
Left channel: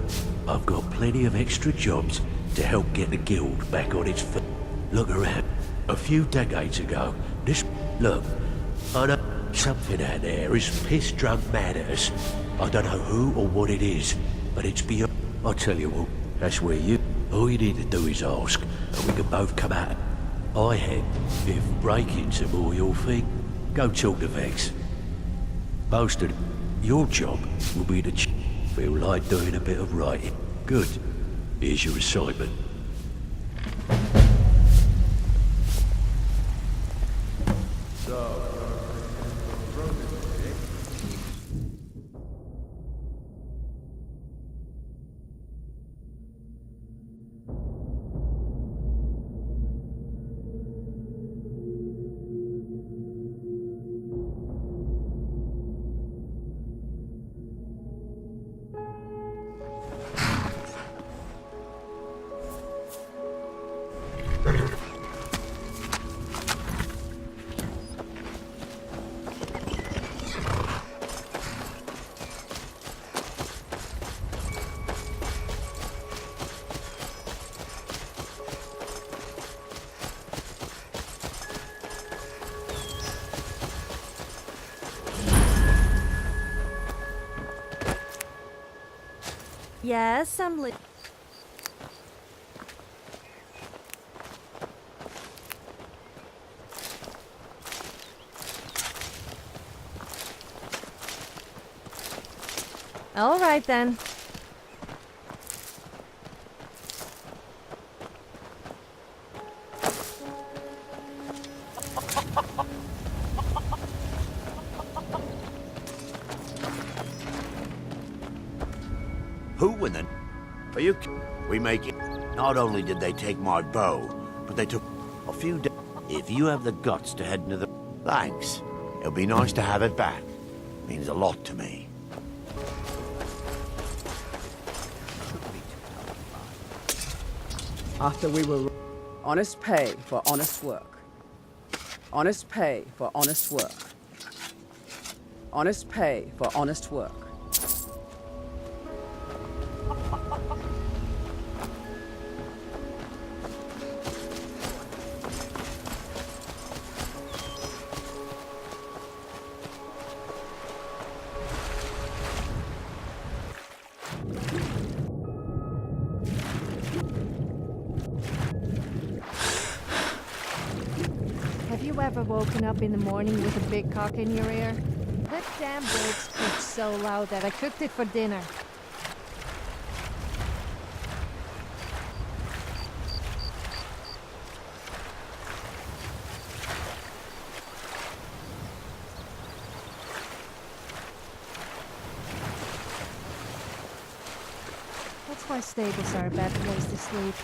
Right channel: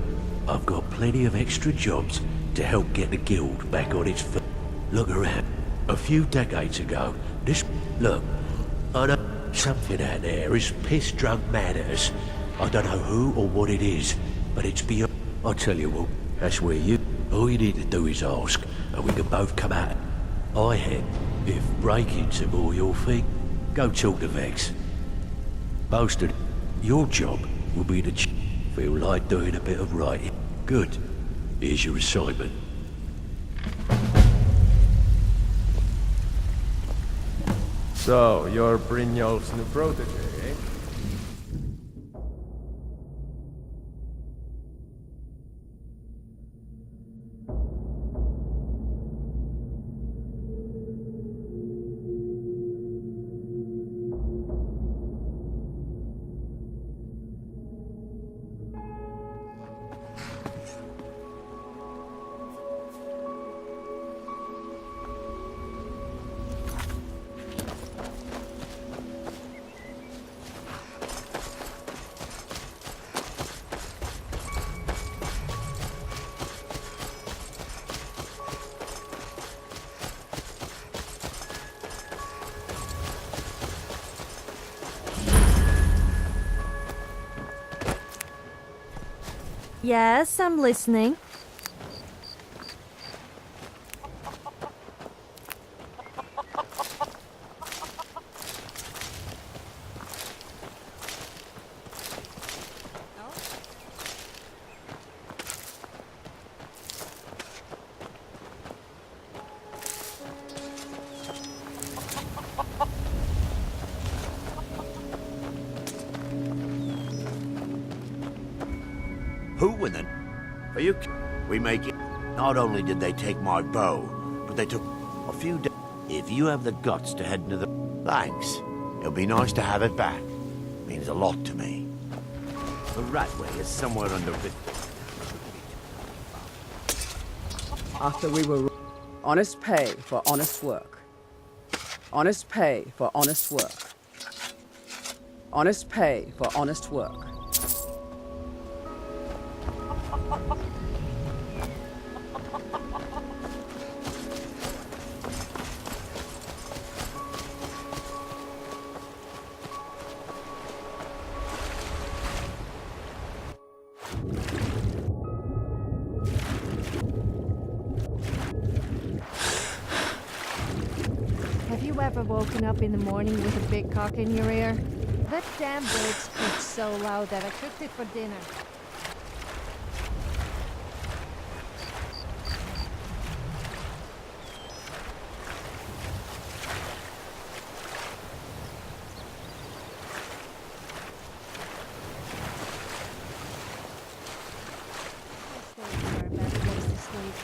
I've got plenty of extra jobs to help get the guild back on its feet. Look around. A few decades ago, this... Look, I know something out there is piss-drunk mad at us. I don't know who or what it is, but it's beyond... I'll tell you what, that's where you... All you need to do is ask, and we can both come out. I had. If break-ins are more your thing, go talk to Vex. Most of your job will be to feel like doing a bit of writing. Good. Here's your assignment. So, you're Brynjolf's new protege, eh? Yes, I'm listening. All right then. Who in the... Are you... We make it... Not only did they take my bow, but they took a few days... If you have the guts to head into the... Thanks. It'll be nice to have it back. Means a lot to me. The Ratway is somewhere under the... Shouldn't be too tough. After we were... Honest pay for honest work. Honest pay for honest work. Honest pay for honest work. Have you ever woken up in the morning with a big cock in your ear? That damn bird squeaked so loud that I cooked it for dinner. That's why stables are a bad place to sleep.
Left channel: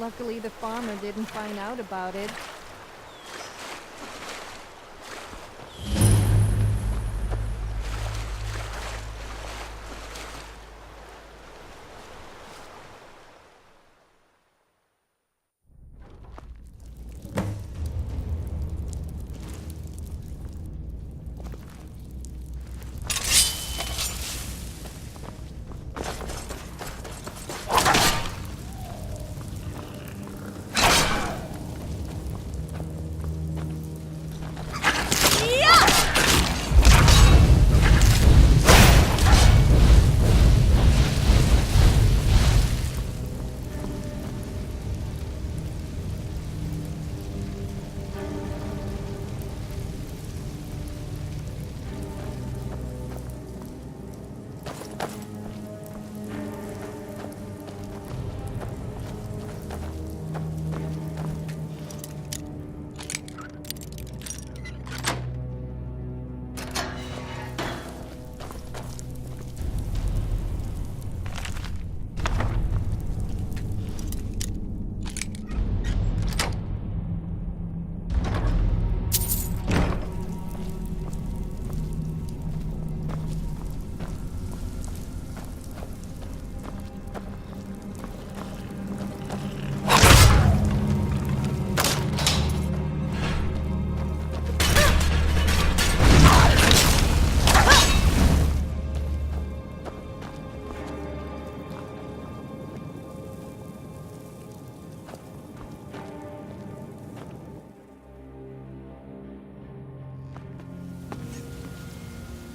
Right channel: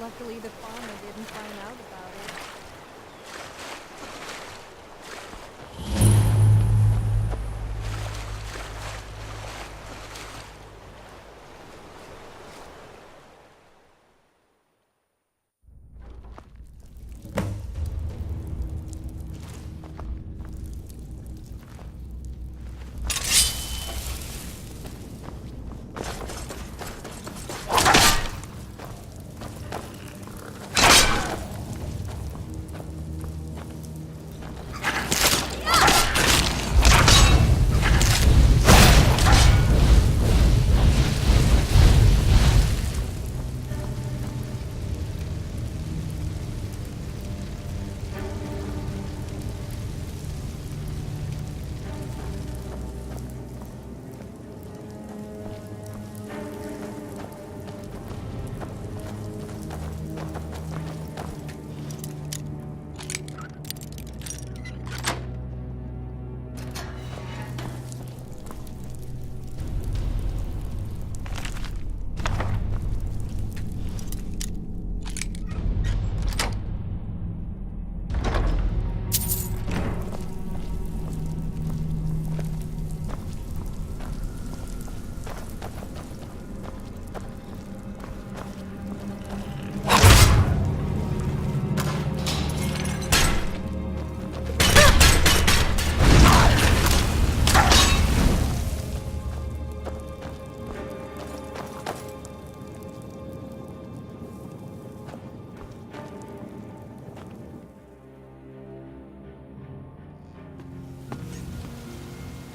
Luckily, the farmer didn't find out about it.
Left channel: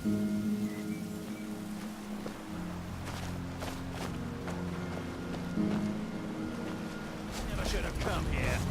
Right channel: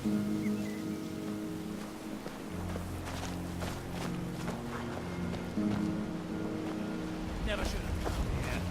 Never should have come here.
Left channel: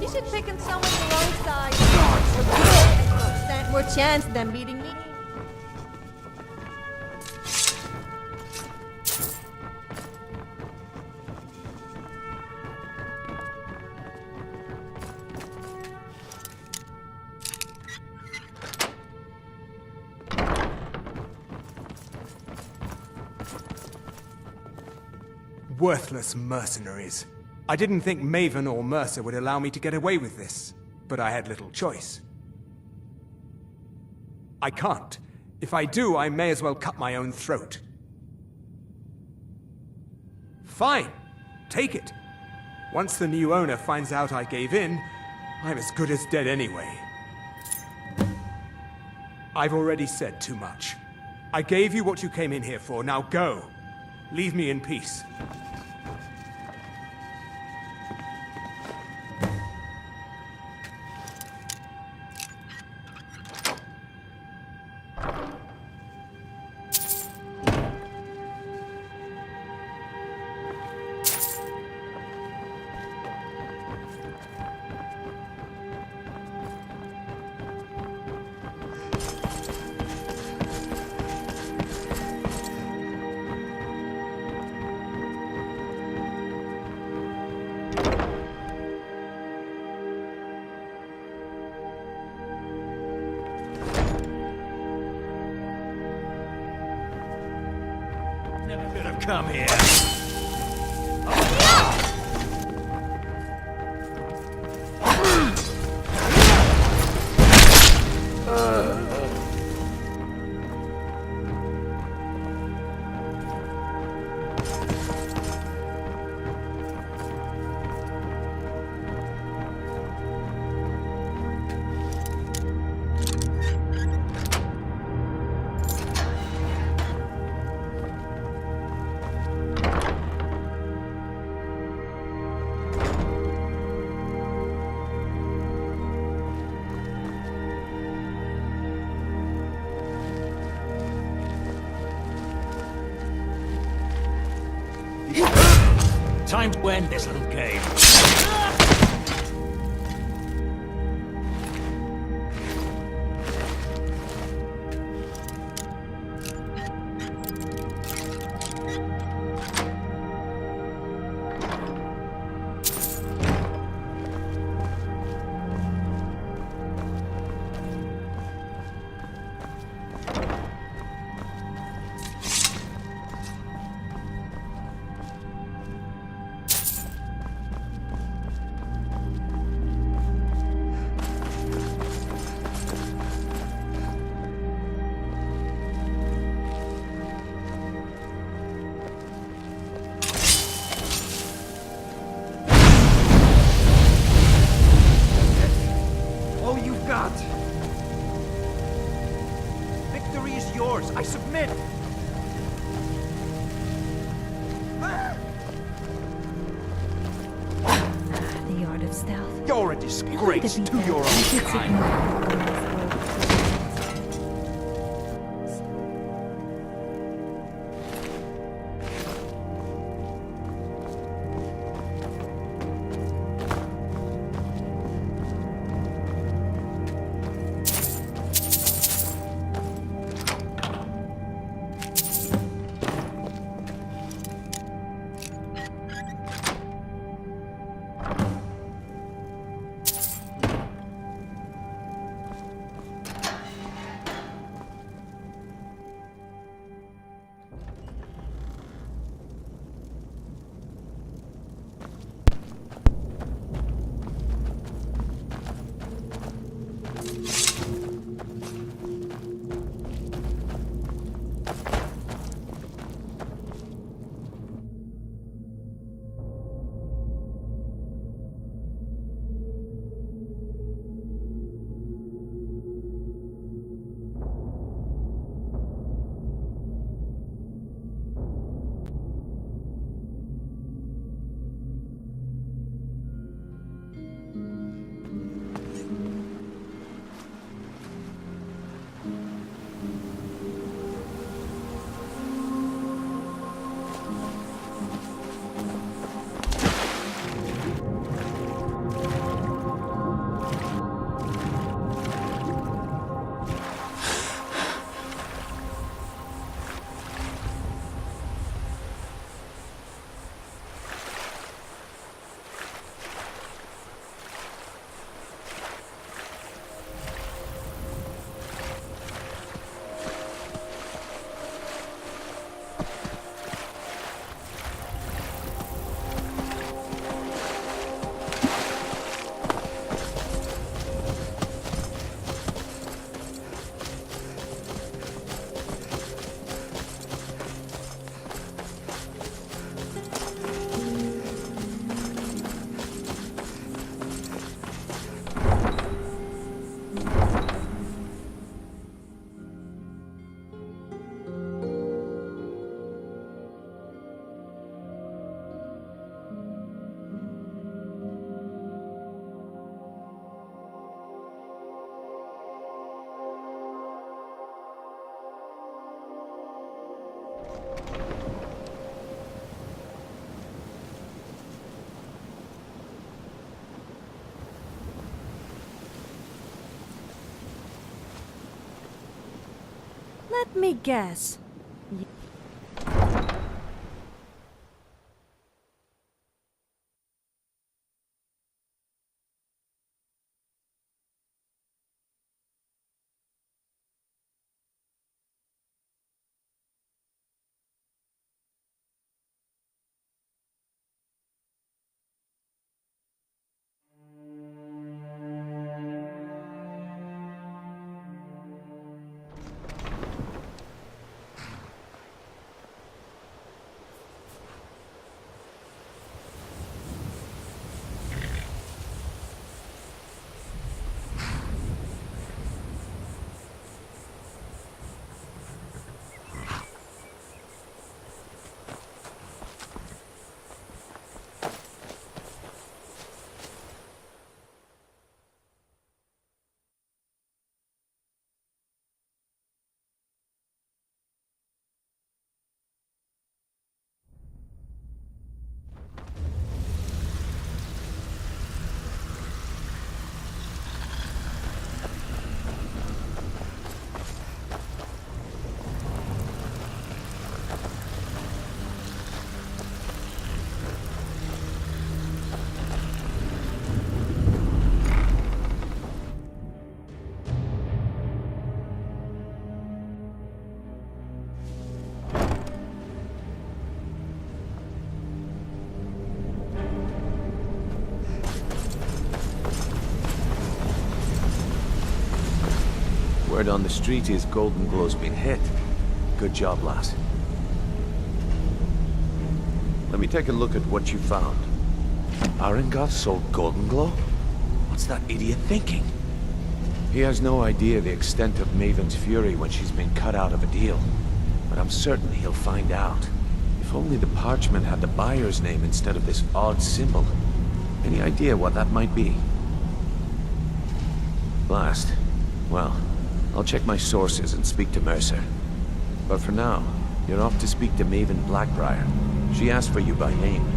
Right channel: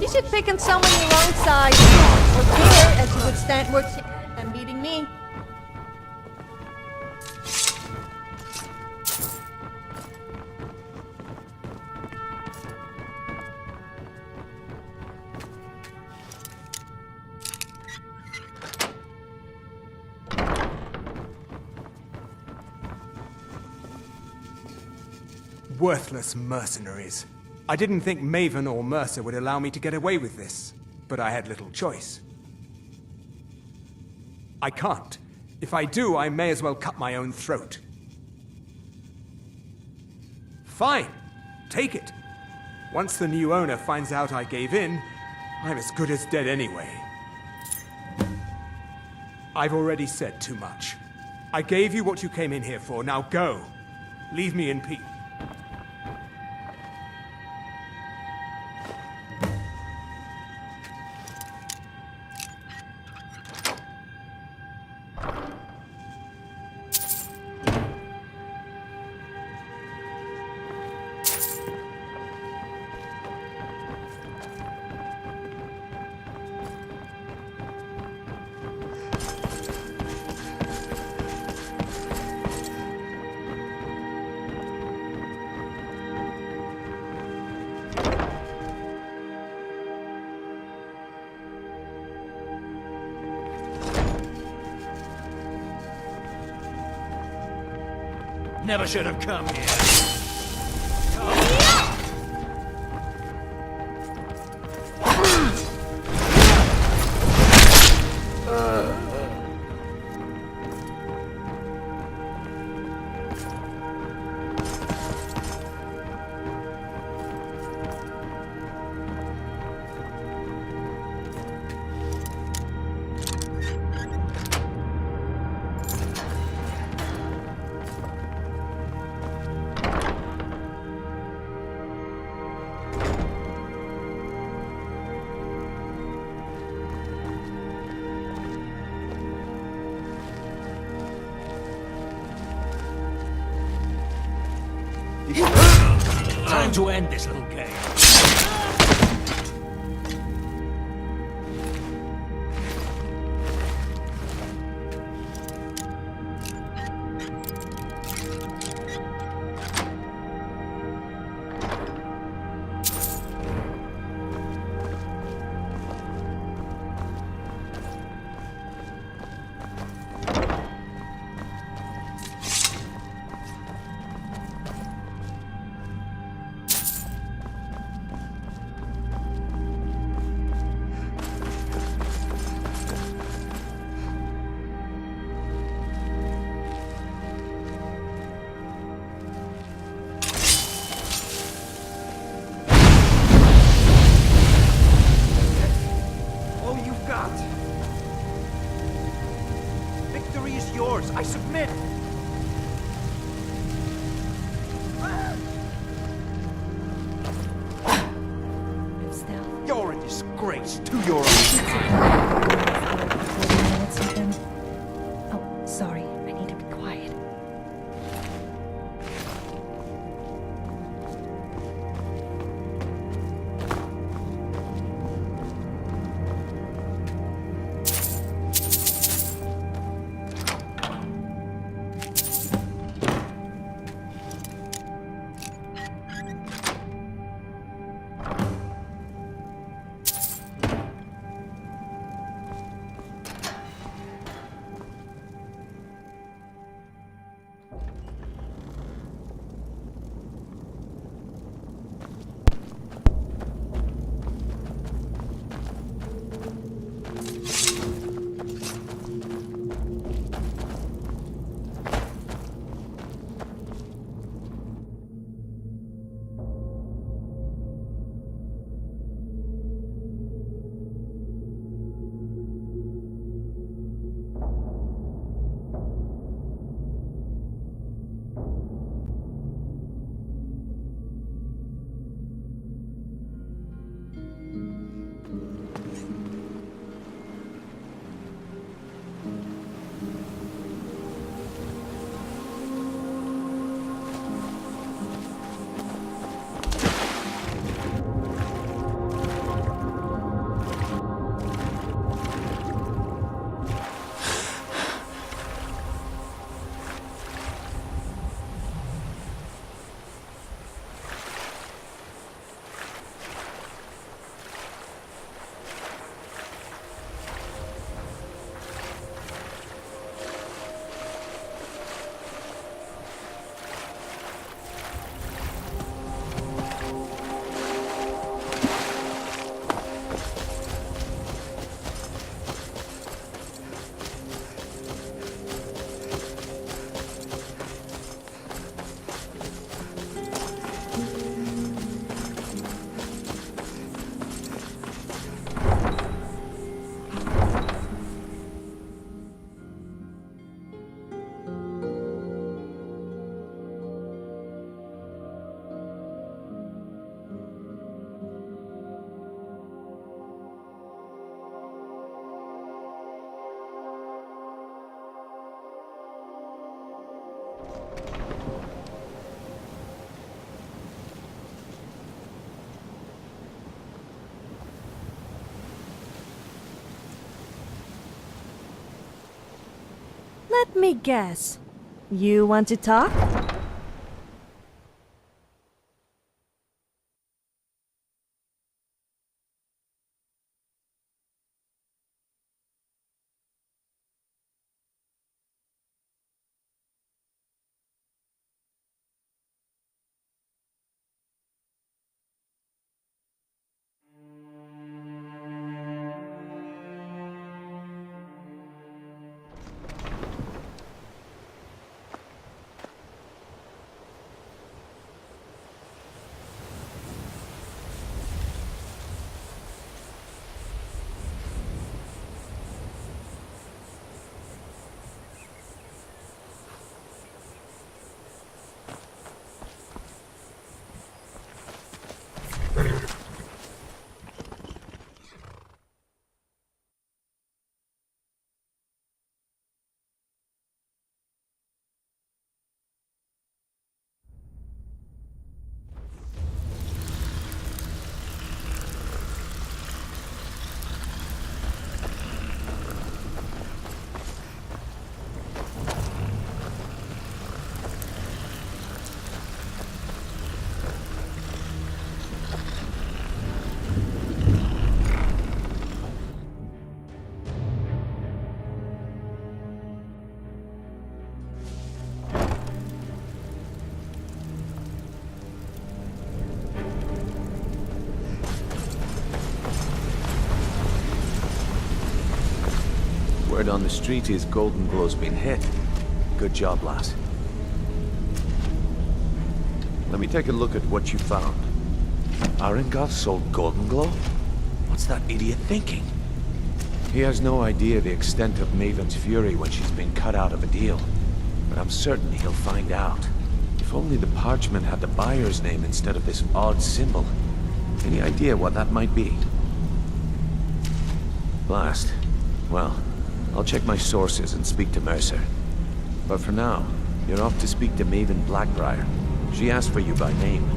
You should pick on someone your own size or bigger, as you would stand more chance than beating me. worthless mercenaries. I didn't think Maven or Mercer would allow me to get away with this, but I had little choice. I can't. If I do, I may as well cut my own throat. Fine. Take it. Once the new owner finds out I gave in, I'm as good as dead anyway. I've already said too much. I gave you what you came in here for, now go. Leave me in peace. Never should have come here. Time to end this little game. Victory is yours. I submit. The art of stealth. You're a disgrace to your own kind. Oh, sorry. I need to be quiet. Let me guess. You want to talk? Word on the street is Golden Glow's been hit. Good job, lass. Let me take a look at what you found. Arengoth sold Golden Glow? What's that idiot thinking? He has no idea the extent of Maven's fury when she's been cut out of a deal. But I'm certain he'll find out. If only the parchment had the buyer's name instead of this odd symbol. Any idea what that might be? Blast. Well, I'll check my sources and speak to Mercer. But for now, you're off to speak to Maven Blackbriar. She asked for you by name.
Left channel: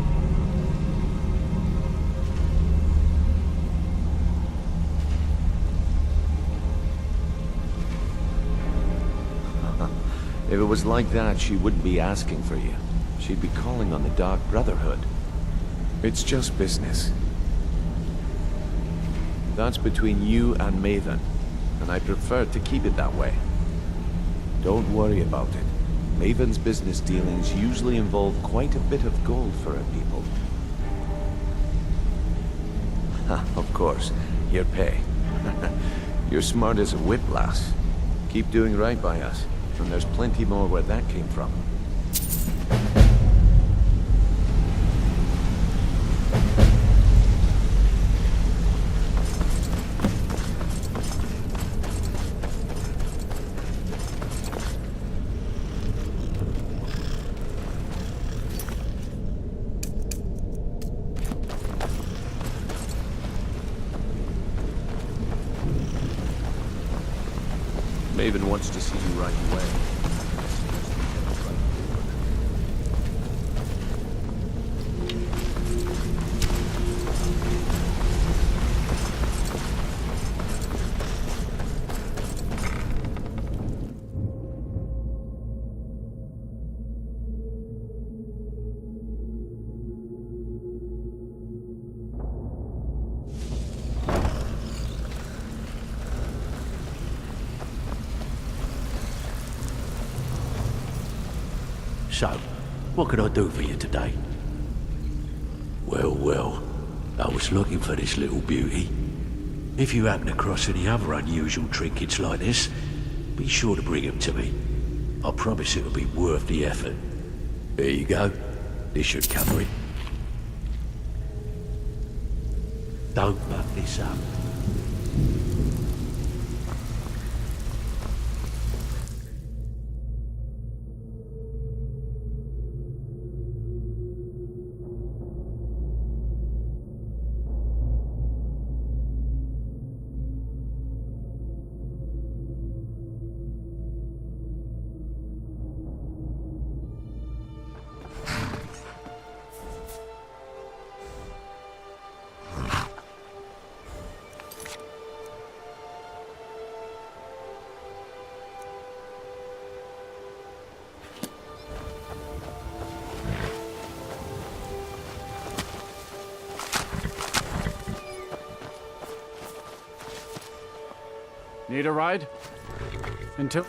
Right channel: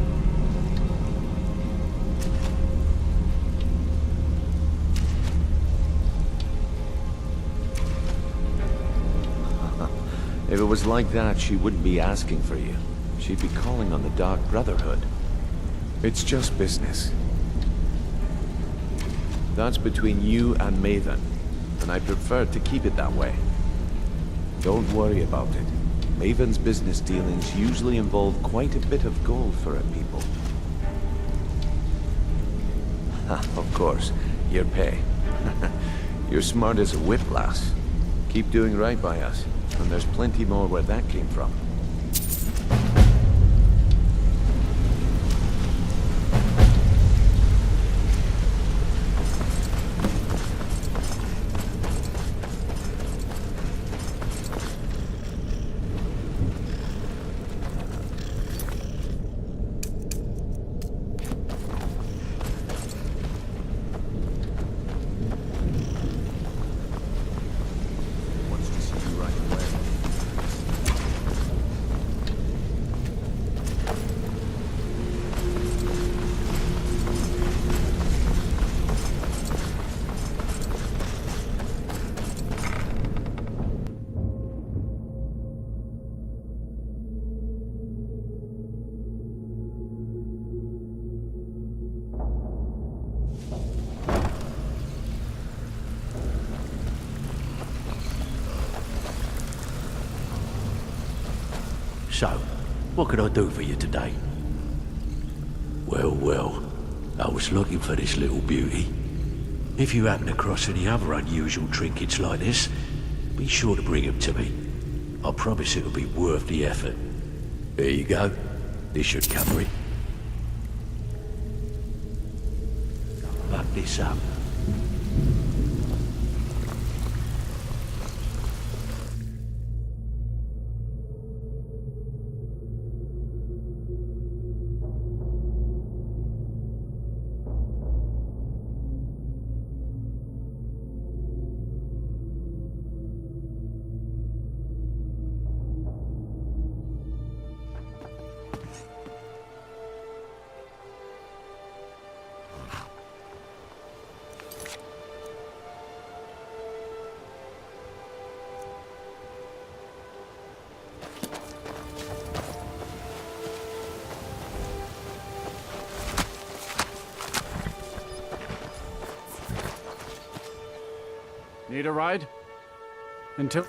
If it was like that, she wouldn't be asking for you. She'd be calling on the Dark Brotherhood. It's just business. That's between you and Maven, and I prefer to keep it that way. Don't worry about it. Maven's business dealings usually involve quite a bit of gold for her people. Of course, your pay. You're smart as a whip, lass. Keep doing right by us, and there's plenty more where that came from. Maven wants to see you right away. So, what can I do for you today? Well, well, I was looking for this little beauty. If you happen across any other unusual trinkets like this, be sure to bring them to me. I promise it'll be worth the effort. There you go. This should cover it. Don't muck this up. Need a ride? Until...